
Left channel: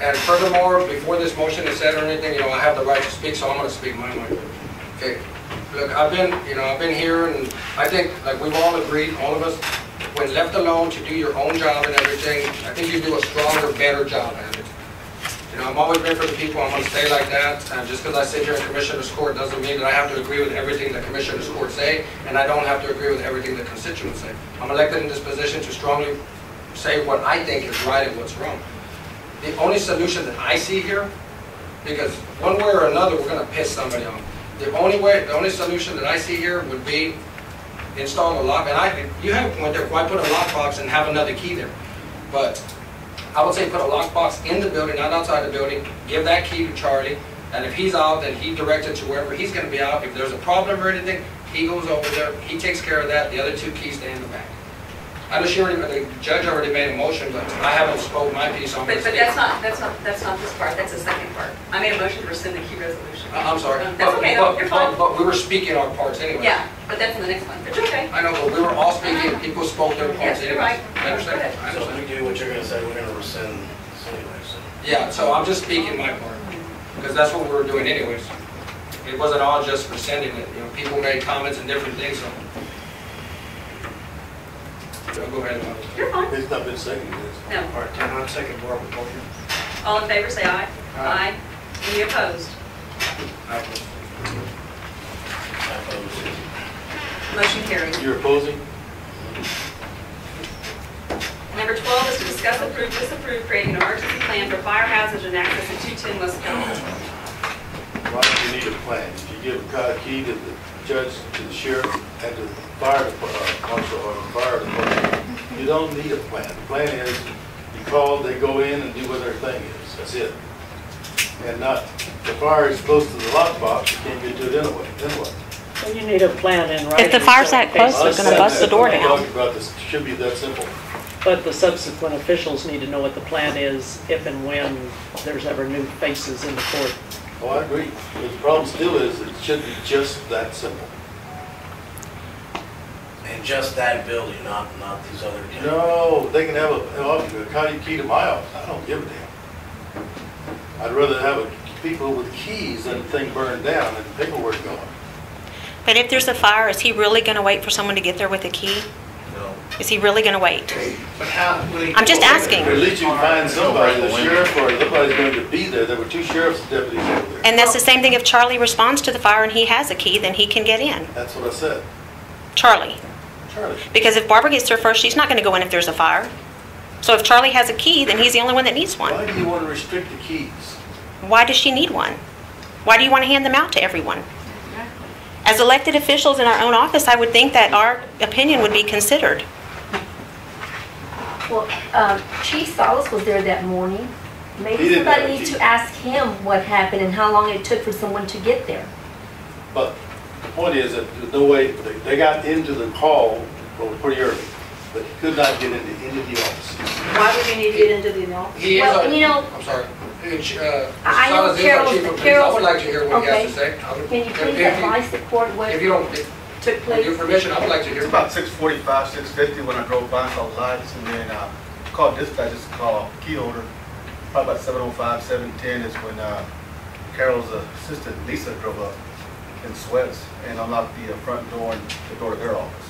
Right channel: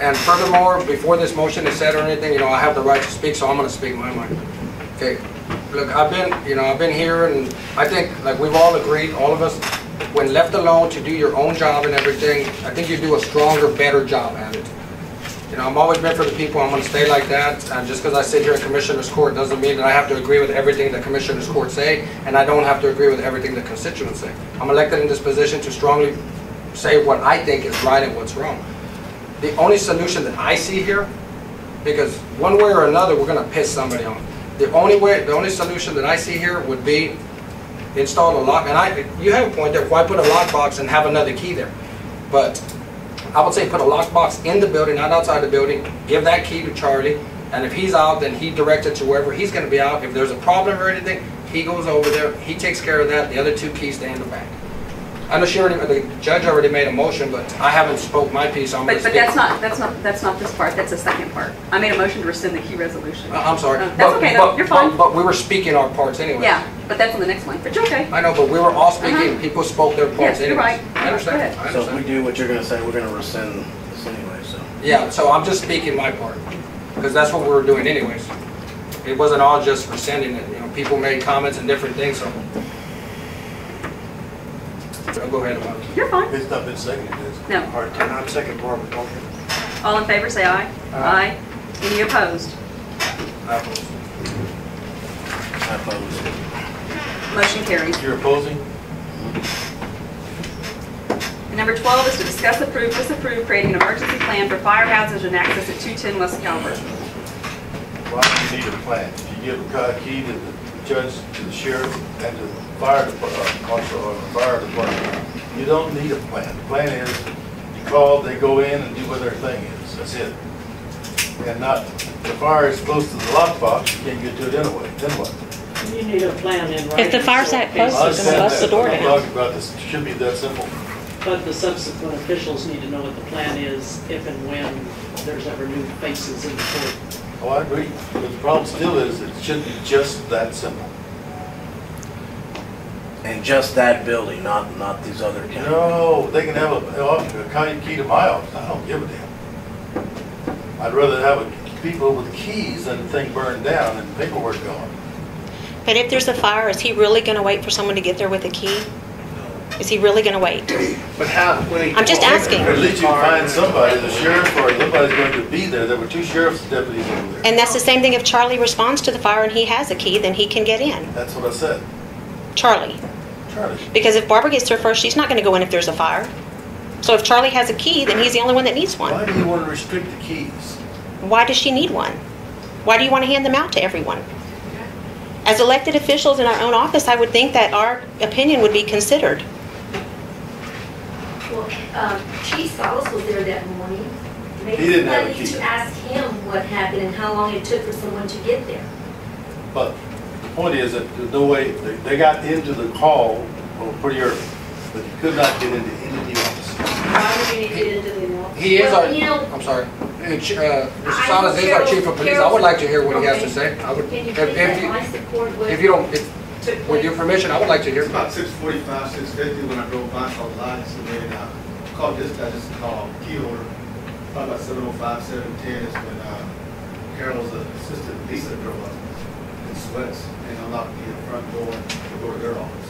And furthermore, before this motion is said or anything, I have the right to speak, so I'm going to speak my mind. Okay. Look, I've been here, and I think, like we've all agreed, all of us, when left alone to do your own job and everything, I think you do a stronger, better job at it. I've always been for the people. I'm going to stay like that. And just because I sit here in Commissioner's Court doesn't mean that I have to agree with everything that Commissioner's Court say, and I don't have to agree with everything the constituents say. I'm elected in this position to strongly say what I think is right and what's wrong. The only solution that I see here, because one way or another we're going to piss somebody off. The only solution that I see here would be install a lock. And you have a point there. Why put a lockbox and have another key there? But I would say put a lockbox in the building, not outside the building. Give that key to Charlie, and if he's out, then he directs it to wherever he's going to be out. If there's a problem or anything, he goes over there. He takes care of that. The other two keys stay in the back. I know the judge already made a motion, but I haven't spoke my piece. I'm But gonna speak. that's not this part, that's the second part. I made a motion to rescind the key resolution. I'm sorry. That's okay, though. You're fine. But we were speaking our parts anyway. Yeah, but that's on the next one, but you're okay. I know, but we were all speaking, people spoke their parts Yes, you're anyway. right. I understand. Go ahead. I So if understand. we do what you're gonna say, we're gonna rescind this anyway, so. Yeah, so I'm just speaking my part, because that's what we were doing anyways. It wasn't all just rescinding it, people made comments and different things, so. So go ahead, Bob. You're fine. It's not been seconded, is it? No. All right, I'm second Barbara's motion. All in favor, say aye. Aye. Any opposed? I oppose it. Motion carries. You're opposing? And number 12 is to discuss, approve, disapprove creating an emergency plan for fire hazards and access at 210 West Calvert. Why do you need a plan? If you give a key to the judge, to the sheriff, and to the fire department, marshal or the fire department, you don't need a plan. The plan is, you call, they go in and do what their thing is. That's it. And not, the fire is close to the lockbox, you can't get to it anyway. Then what? And you need a plan in writing. If the fire's that close, I they're gonna bust the door I'm down. talking about this, it should be that simple. But the subsequent officials need to know what the plan is if and when there's ever new faces in the court. Oh, I agree. But the problem still is, it should be just that simple. And just that building, not these other counties. No, they can have a county key to my office. I don't give a damn. I'd rather have people with keys than the thing burned down and paperwork gone. But if there's a fire, is he really going to wait for someone to get there with a key? No. Is he really going to wait? But how, when he I'm just asking. Or at least you can find somebody, the sheriff or somebody's going to be there. There were 2 sheriff's deputies over there. And that's the same thing if Charlie responds to the fire and he has a key, then he can get in. That's what I said. Charlie. Charlie. Because if Barbara gets there first, she's not going to go in if there's a fire. So if Charlie has a key, then he's the only one that needs Why one. do you want to restrict the keys? Why does she need one? Why do you want to hand them out to everyone? As elected officials in our own office, I would think that our opinion would be considered. Well, Chief Salas was there that morning. He Maybe didn't have a somebody needs key. to ask him what happened and how long it took for someone to get there. But the point is that there's no way, they got into the call pretty early, but he could not get into any of the offices. Why would you need to get into the office? He is Well, our, you know- I'm sorry. Mr. I Salas is our Carol's- chief of police. I would like to hear what he has Okay. to say. I would, Can you if please you- advise the court what if you don't, took with place? your permission, I would like to hear. It's about 6:45, 6:50 when I drove by, saw the lights, and then called dispatch, just called key holder. Probably about 7:05, 7:10 is when Carol's assistant Lisa drove up in sweats and unlocked the front door and the door to their office.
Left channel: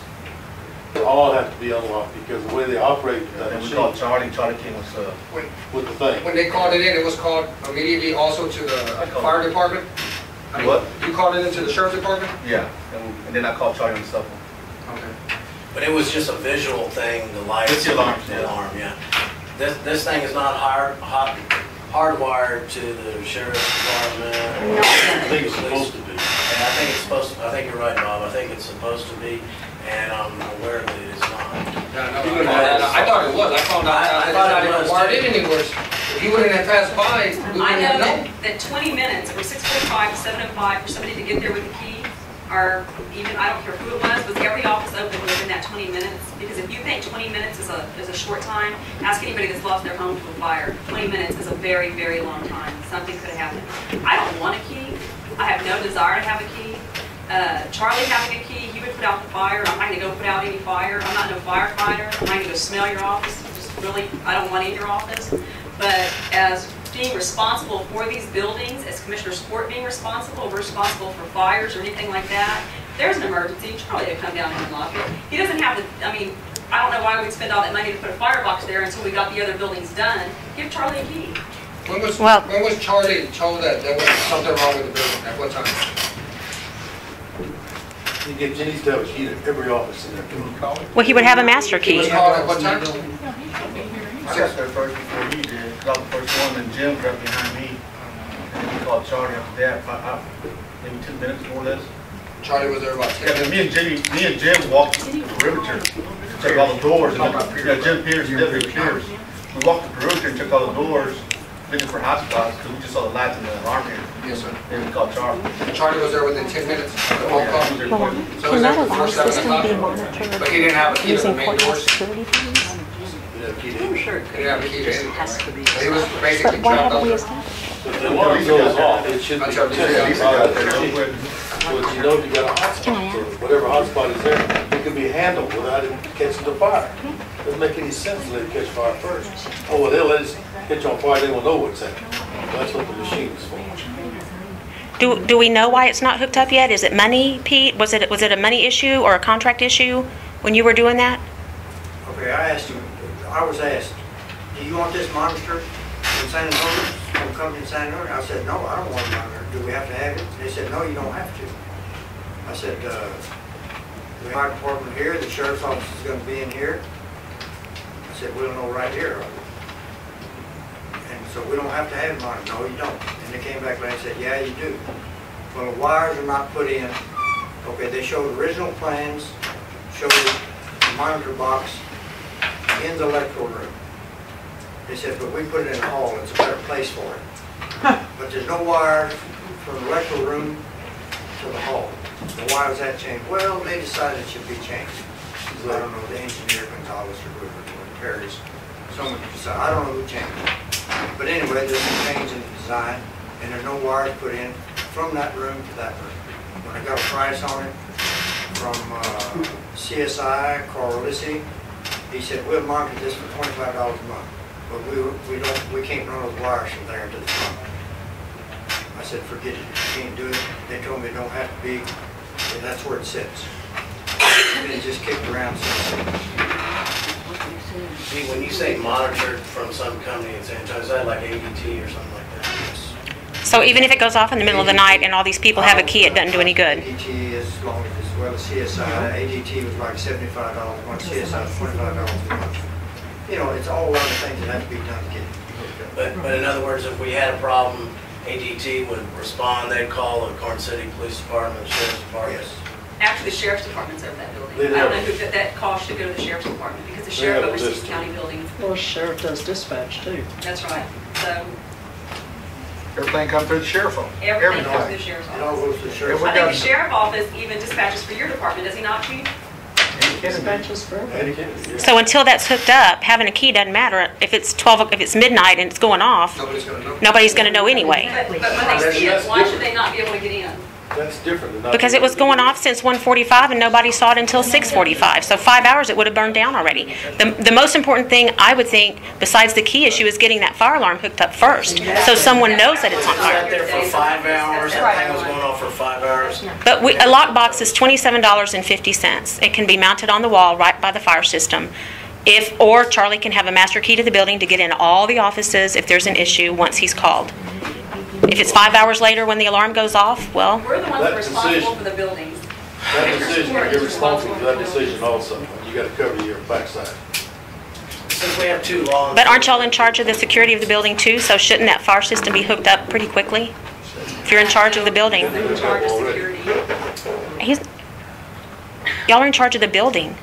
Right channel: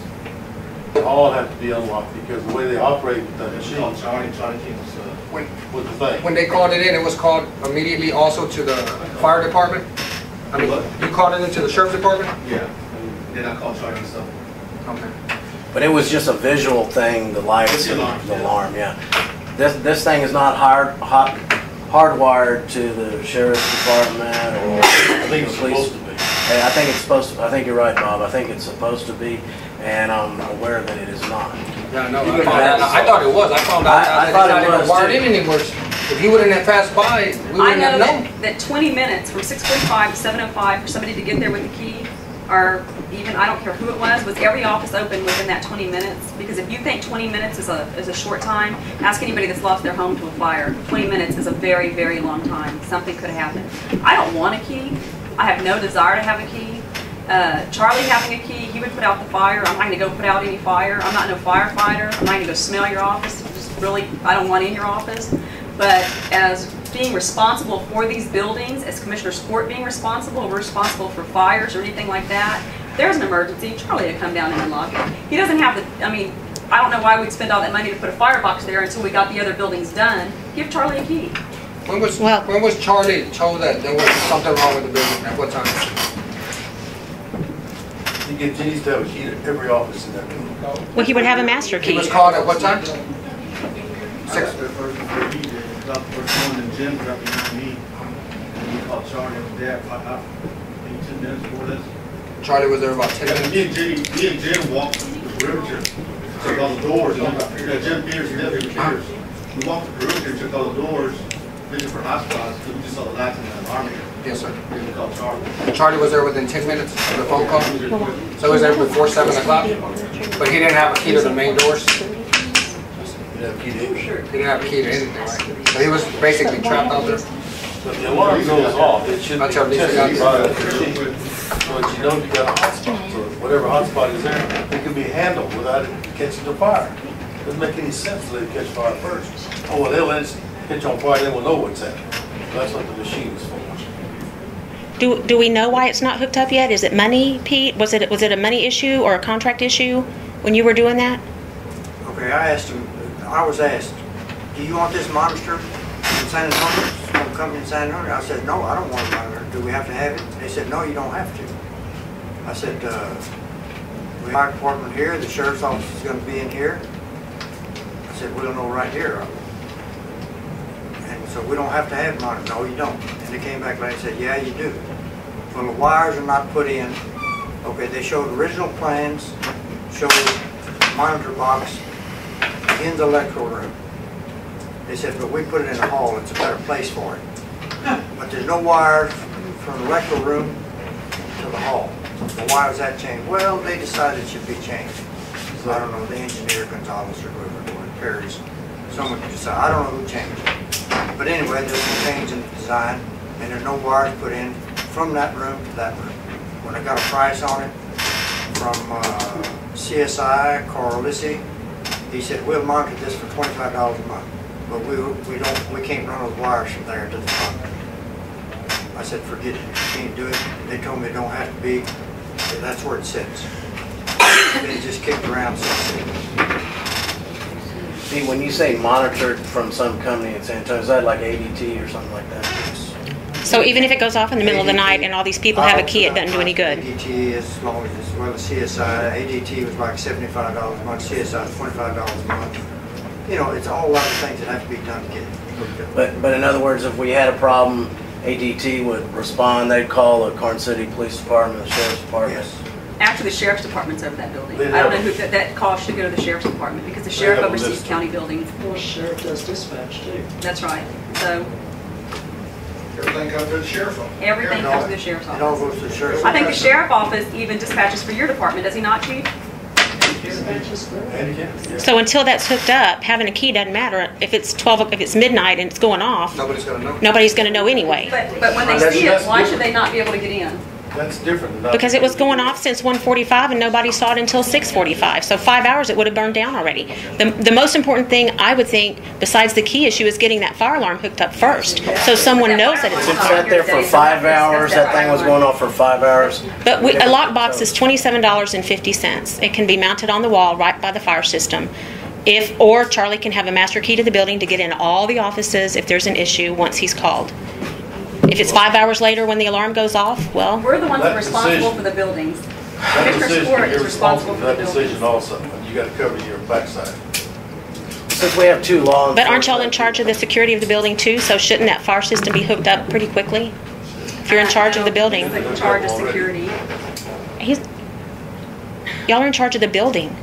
They all have to be unlocked because the way they operate with that And we machine called Charlie came us, with the thing. When they called it in, it was called immediately also to the fire department? I mean, What? you called it into the sheriff's department? yeah, and then I called Charlie myself. Okay. But it was just a visual thing, the lights, It's the alarm, the yeah. alarm, yeah. This thing is not hardwired to the sheriff's department or. I think it's supposed to be. Hey, I think it's supposed to, I think you're right, Bob, I think it's supposed to be, and I'm aware that it is not. Yeah, no, Even I thought it was. I found out I it's thought not it even was, wired too. in anywhere. If he wouldn't have passed by, we I wouldn't know have known. that 20 minutes from 6:45 to 7:05 for somebody to get there with the key, or even, I don't care who it was every office open within that 20 minutes? Because if you think 20 minutes is a short time, ask anybody that's lost their home to a fire. 20 minutes is a very, very long time. Something could have happened. I don't want a key. I have no desire to have a key. Charlie having a key, he would put out the fire. I'm not going to go put out any fire. I'm not no firefighter. I'm not going to go smell your office. It's just really, I don't want in your office. But as being responsible for these buildings, as Commissioner Sport being responsible, we're responsible for fires or anything like that. If there's an emergency, Charlie to come down and unlock it. He doesn't have the, I mean, I don't know why we'd spend all that money to put a firebox there until we got the other buildings done. Give Charlie a key. When was Charlie told that there was something wrong with the building? At what time? He needs to have a key to every office in there. Well, he would have a master He key. was called at what time? I got there first before he did. Got the first one, and Jim got behind me. And he called Charlie after that, maybe 2 minutes before this. Charlie was there about 10 Yeah, minutes. me and Jim walked the perimeter, took all the doors, and Jim Peters, Deputy Peters. We walked the perimeter and took all the doors, looking for hotspots, because we just saw the lights in the alarm here. Yes, sir. Then we called Charlie. Charlie was there within 10 minutes of the phone call? Yeah, he was there quick. So he was there before 7 o'clock? But he didn't have a key to the main doors? didn't have a key to anything. Sure. He didn't have a key to anything, right? So he was basically trapped out there. But the alarm goes off, it should be Until these tested guys- by the machine. So that you know you got a hotspot, so whatever hotspot is there, it can be handled without it catching the fire. Doesn't make any sense to let it catch fire first. Oh, well, they'll let it catch on fire, then we'll know what's happening. That's what the machine is for. Do we know why it's not hooked up yet? Is it money, Pete? Was it a money issue or a contract issue when you were doing that? Okay, I was asked, do you want this monitored in San Antonio? From a company in San Antonio? I said, no, I don't want it monitored. Do we have to have it? They said, no, you don't have to. I said, the fire department here, the sheriff's office is going to be in here. I said, we'll know right here. And so we don't have to have it monitored. No, you don't. And they came back later and said, yeah, you do. Well, the wires are not put in. Okay, they showed original plans, showed the monitor box in the electrical room. They said, but we put it in the hall. It's a better place for it. But there's no wires from the electrical room to the hall. So why was that changed? Well, they decided it should be changed. I don't know, the engineer, Gonzalez, or whoever, Perry's. Someone decided. I don't know who changed it. But anyway, there's a change in the design, and there's no wires put in from that room to that room. When I got a price on it from CSI, Carl Lissy, he said, we'll monitor this for $25 a month. But we can't run those wires from there to the top. I said, forget it, you can't do it. They told me it don't have to be, and that's where it sits. And it just kicked around since then. See, when you say monitored from some company in San Antonio, is that like ADT or something like that? So even if it goes off in the middle of the night and all these people have a key, it doesn't do any good? ADT as long as well as CSI. ADT was like $75 a month, CSI was $25 a month. You know, it's all other things that have to be done to get it hooked up. But in other words, if we had a problem, ADT would respond, they'd call the Karnes City Police Department, the Sheriff's Department. Yes. After the sheriff's department's over that building. They I don't know have- who, that call should go to the sheriff's department because the They sheriff have a oversees list. county buildings. Well, the sheriff does dispatch too. That's right. So Everything comes through the sheriff's office. everything comes to the sheriff's It all office. goes to the sheriff's. I think the sheriff's office even dispatches for your department, does he not, Chief? Dispatches for And you can, yeah. So until that's hooked up, having a key doesn't matter. If it's if it's midnight and it's going off, Nobody's gonna know. nobody's going to know anyway. But when they That's- see it, that's why should different. they not be able to get in? That's different than not. Because it was going off since 1:45 and nobody saw it until 6:45. So 5 hours it would have burned down already. The most important thing I would think, besides the key issue, is getting that fire alarm hooked up first, so someone knows that it's on It fire. sat there for 5 hours, that thing was going off for 5 hours. But a lockbox is $27.50. It can be mounted on the wall right by the fire system. Or Charlie can have a master key to the building to get in all the offices if there's an issue once he's called. If it's 5 hours later when the alarm goes off, well, We're the ones that That are responsible decision- for the buildings. That Commissioner decision, Stewart you're is responsible for that the decision buildings. also. You gotta cover your backside. Since we have 2 law but aren't y'all in charge of the security of the building too? So shouldn't that fire system be hooked up pretty quickly? If you're in charge of the building. He's in charge of security. Y'all are in charge of the building.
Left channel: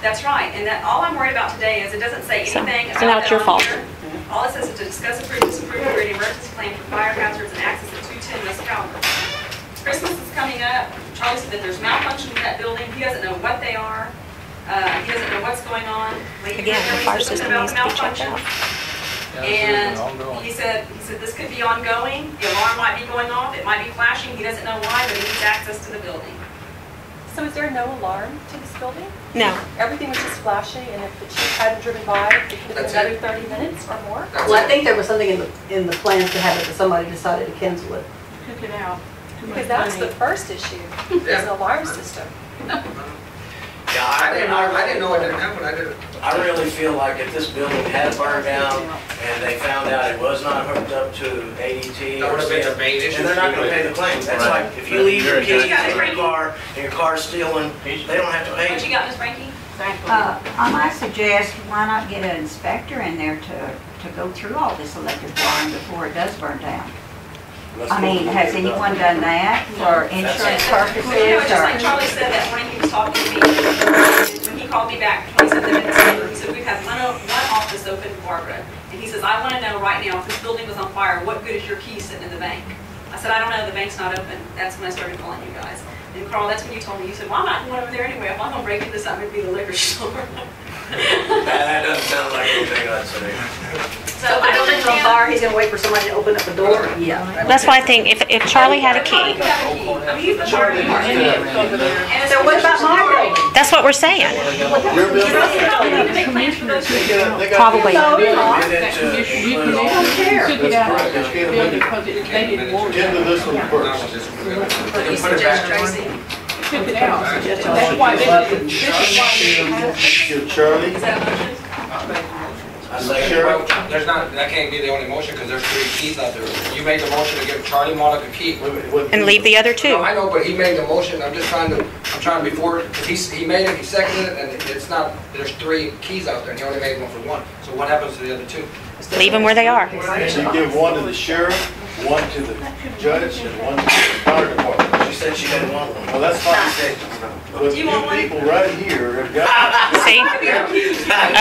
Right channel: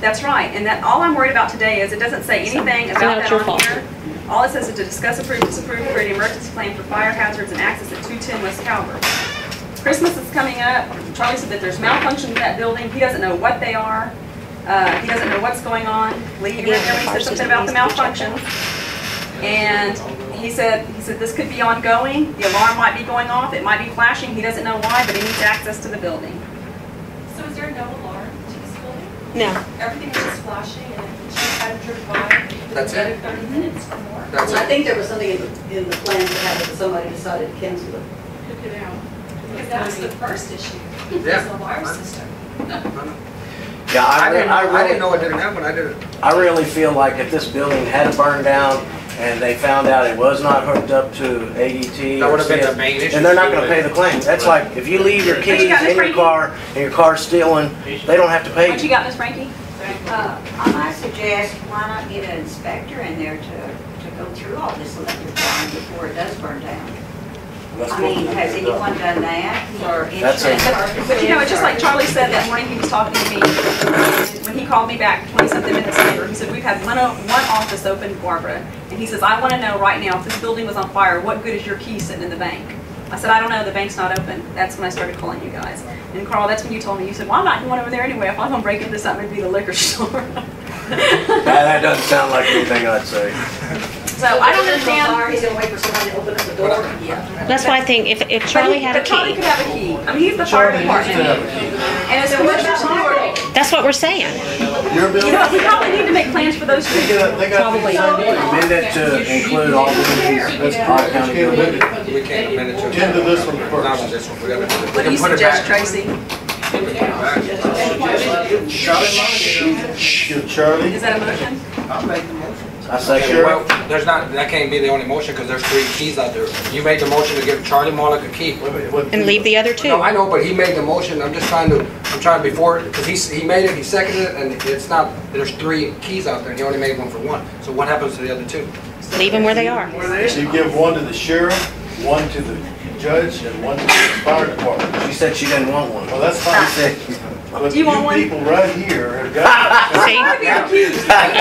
That's right, and that, all I'm worried about today is it doesn't say anything So now about it's that your on fault. here. All it says is to discuss, approve, disapprove, create an emergency plan for fire hazards and access at 210 West Calvert. Christmas is coming up. Charlie said that there's malfunctions in that building. He doesn't know what they are. He doesn't know what's going on. Lee, you Yeah, the fire said something system about the needs to be checked malfunction. out. And he said this could be ongoing. The alarm might be going off. It might be flashing. He doesn't know why, but he needs access to the building. So is there no alarm to this building? No. Everything was just flashing, and if the chief hadn't driven by, That's it's it. another 30 minutes or more? That's Well, I it. think there was something in the plans to have it, but somebody decided to cancel it. Hook it out. Because that was the first issue, Yeah. is the alarm system. Yeah, I didn't know it didn't happen. I didn't. I really feel like if this building had burned down and they found out it was not hooked up to ADT, That would have been or the main issue. and they're not going to pay the claim. That's Right. like if you leave your What keys you got, Miss in your Frankie? car and your car's stolen, they don't have to pay What you you. got, Miss Frankie? I might suggest, why not get an inspector in there to go through all this electric wiring before it does burn down? That's I mean, what- has anyone done that for That's insurance it. purposes? But you know, just like Charlie said that morning, he was talking to me, when he called me back 27 minutes later, he said, we've had one office open, Barbara, and he says, I want to know right now, if this building was on fire, what good is your key sitting in the bank? I said, I don't know, the bank's not open. That's when I started calling you guys. And Carl, that's when you told me, you said, well, I'm not going over there anyway. If I'm gonna break into something, it'd be the liquor store. That doesn't sound like anything I'd say. So I don't understand. He's gonna wait for somebody to open up the door. Yeah. That's why I think if Charlie had a Charlie key, could have a key. I mean, he's the fire department. And so what about my building? that's what we're saying. Your building? You probably need to make plans for those two. Probably. Amend it to include all the That's correct. We can't amend it. We can't amend it to. Tend to this one Not first. on this one. We gotta- we What do can you put it suggest, back. Tracy? Give Charlie. Is that a motion? I say, Sure. Well, there's not, that can't be the only motion, because there's 3 keys out there. You made the motion to give Charlie Malik a key. And leave the other No, two. I know, but he made the motion, I'm trying before, because he made it, he seconded it, and it's not, there's 3 keys out there, and he only made one for 1. So what happens to the other 2? Leave them where they are. You give one to the sheriff, one to the judge, and one to the fire department. she said she didn't want one. Well, that's fine. But Do you want one? people right here have got, See?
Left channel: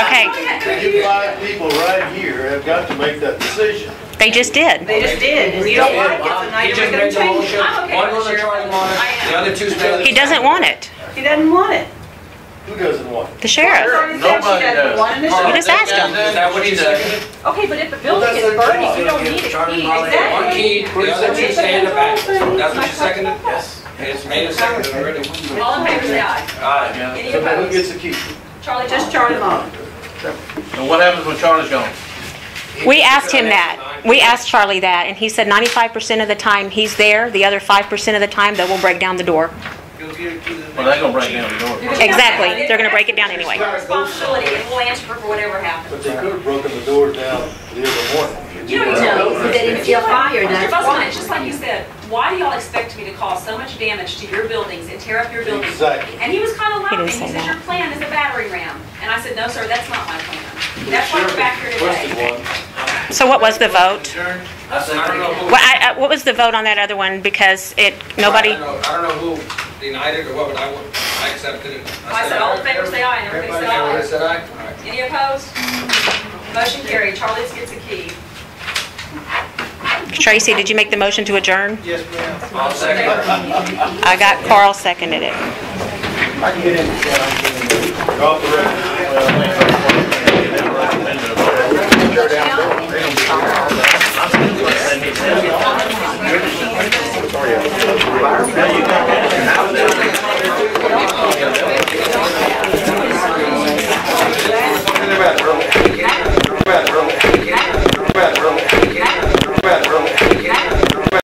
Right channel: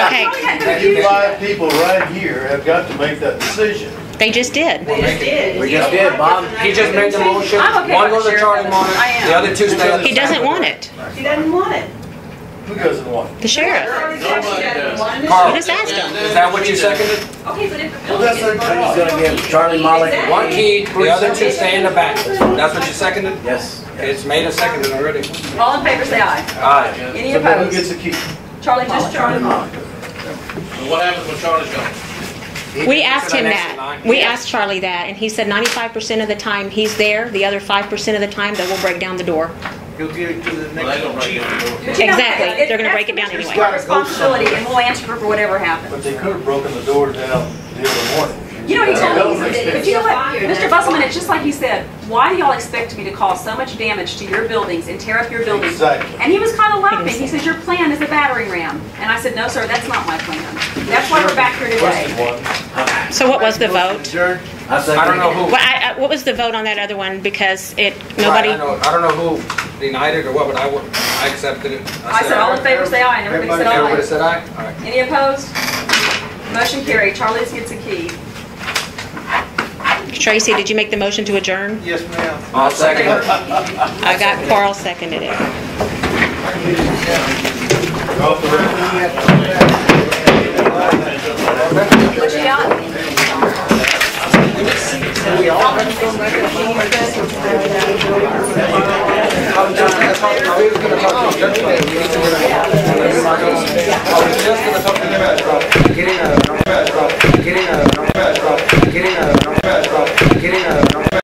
Okay, you 5 people right here have got to make that decision. they just did. They just did. We just did, Bob. He just made the motion, I'm okay one with goes to Sheriff. Charlie Malik, I am. the other 2 stay. He doesn't want it. He doesn't want it. Who doesn't want it? The sheriff. Nobody does. Carl, You just asked him. is that what you seconded? Okay, but if the Well, building that's is their burning, job. you don't Gonna need give a Charlie key. Molly Exactly. 1 key, the other 2 stay in the back. That's what you seconded? Yes. It's made and seconded already. All in favor, say aye. Aye. Any So then who opposed? gets a key? Charlie, just Charlie. And what happens when Charlie's gone? We asked him that. We asked Charlie that, and he said 95% of the time he's there, the other 5% of the time they will break down the door. You'll get it to the next. Well, they're gonna break down the door. Exactly. They're gonna break it down anyway. It's our responsibility, and we'll answer for whatever happens. But they could have broken the door down the other morning. You know, you know, They didn't feel fire. Mr. Busselman, it's just like you said, why do y'all expect me to cause so much damage to your buildings and tear up your buildings? Exactly. And he was kind of laughing, He he didn't say says, your plan is a battering ram. And I said, no, sir, that's not my plan. That's why we're back here Requested today. one. So what was the vote? Adjourn. I say, I don't know who. What was the vote on that other one? Because nobody. I don't know who denied it or what, but I accepted it. I said, all in favor, say aye, and everybody said Everybody aye. said aye? All right. Any opposed? Motion carried, Charlie gets a key. Tracy, did you make the motion to adjourn? Yes, ma'am. I'll second it. I got Carl seconded it. I can get in. Off the record.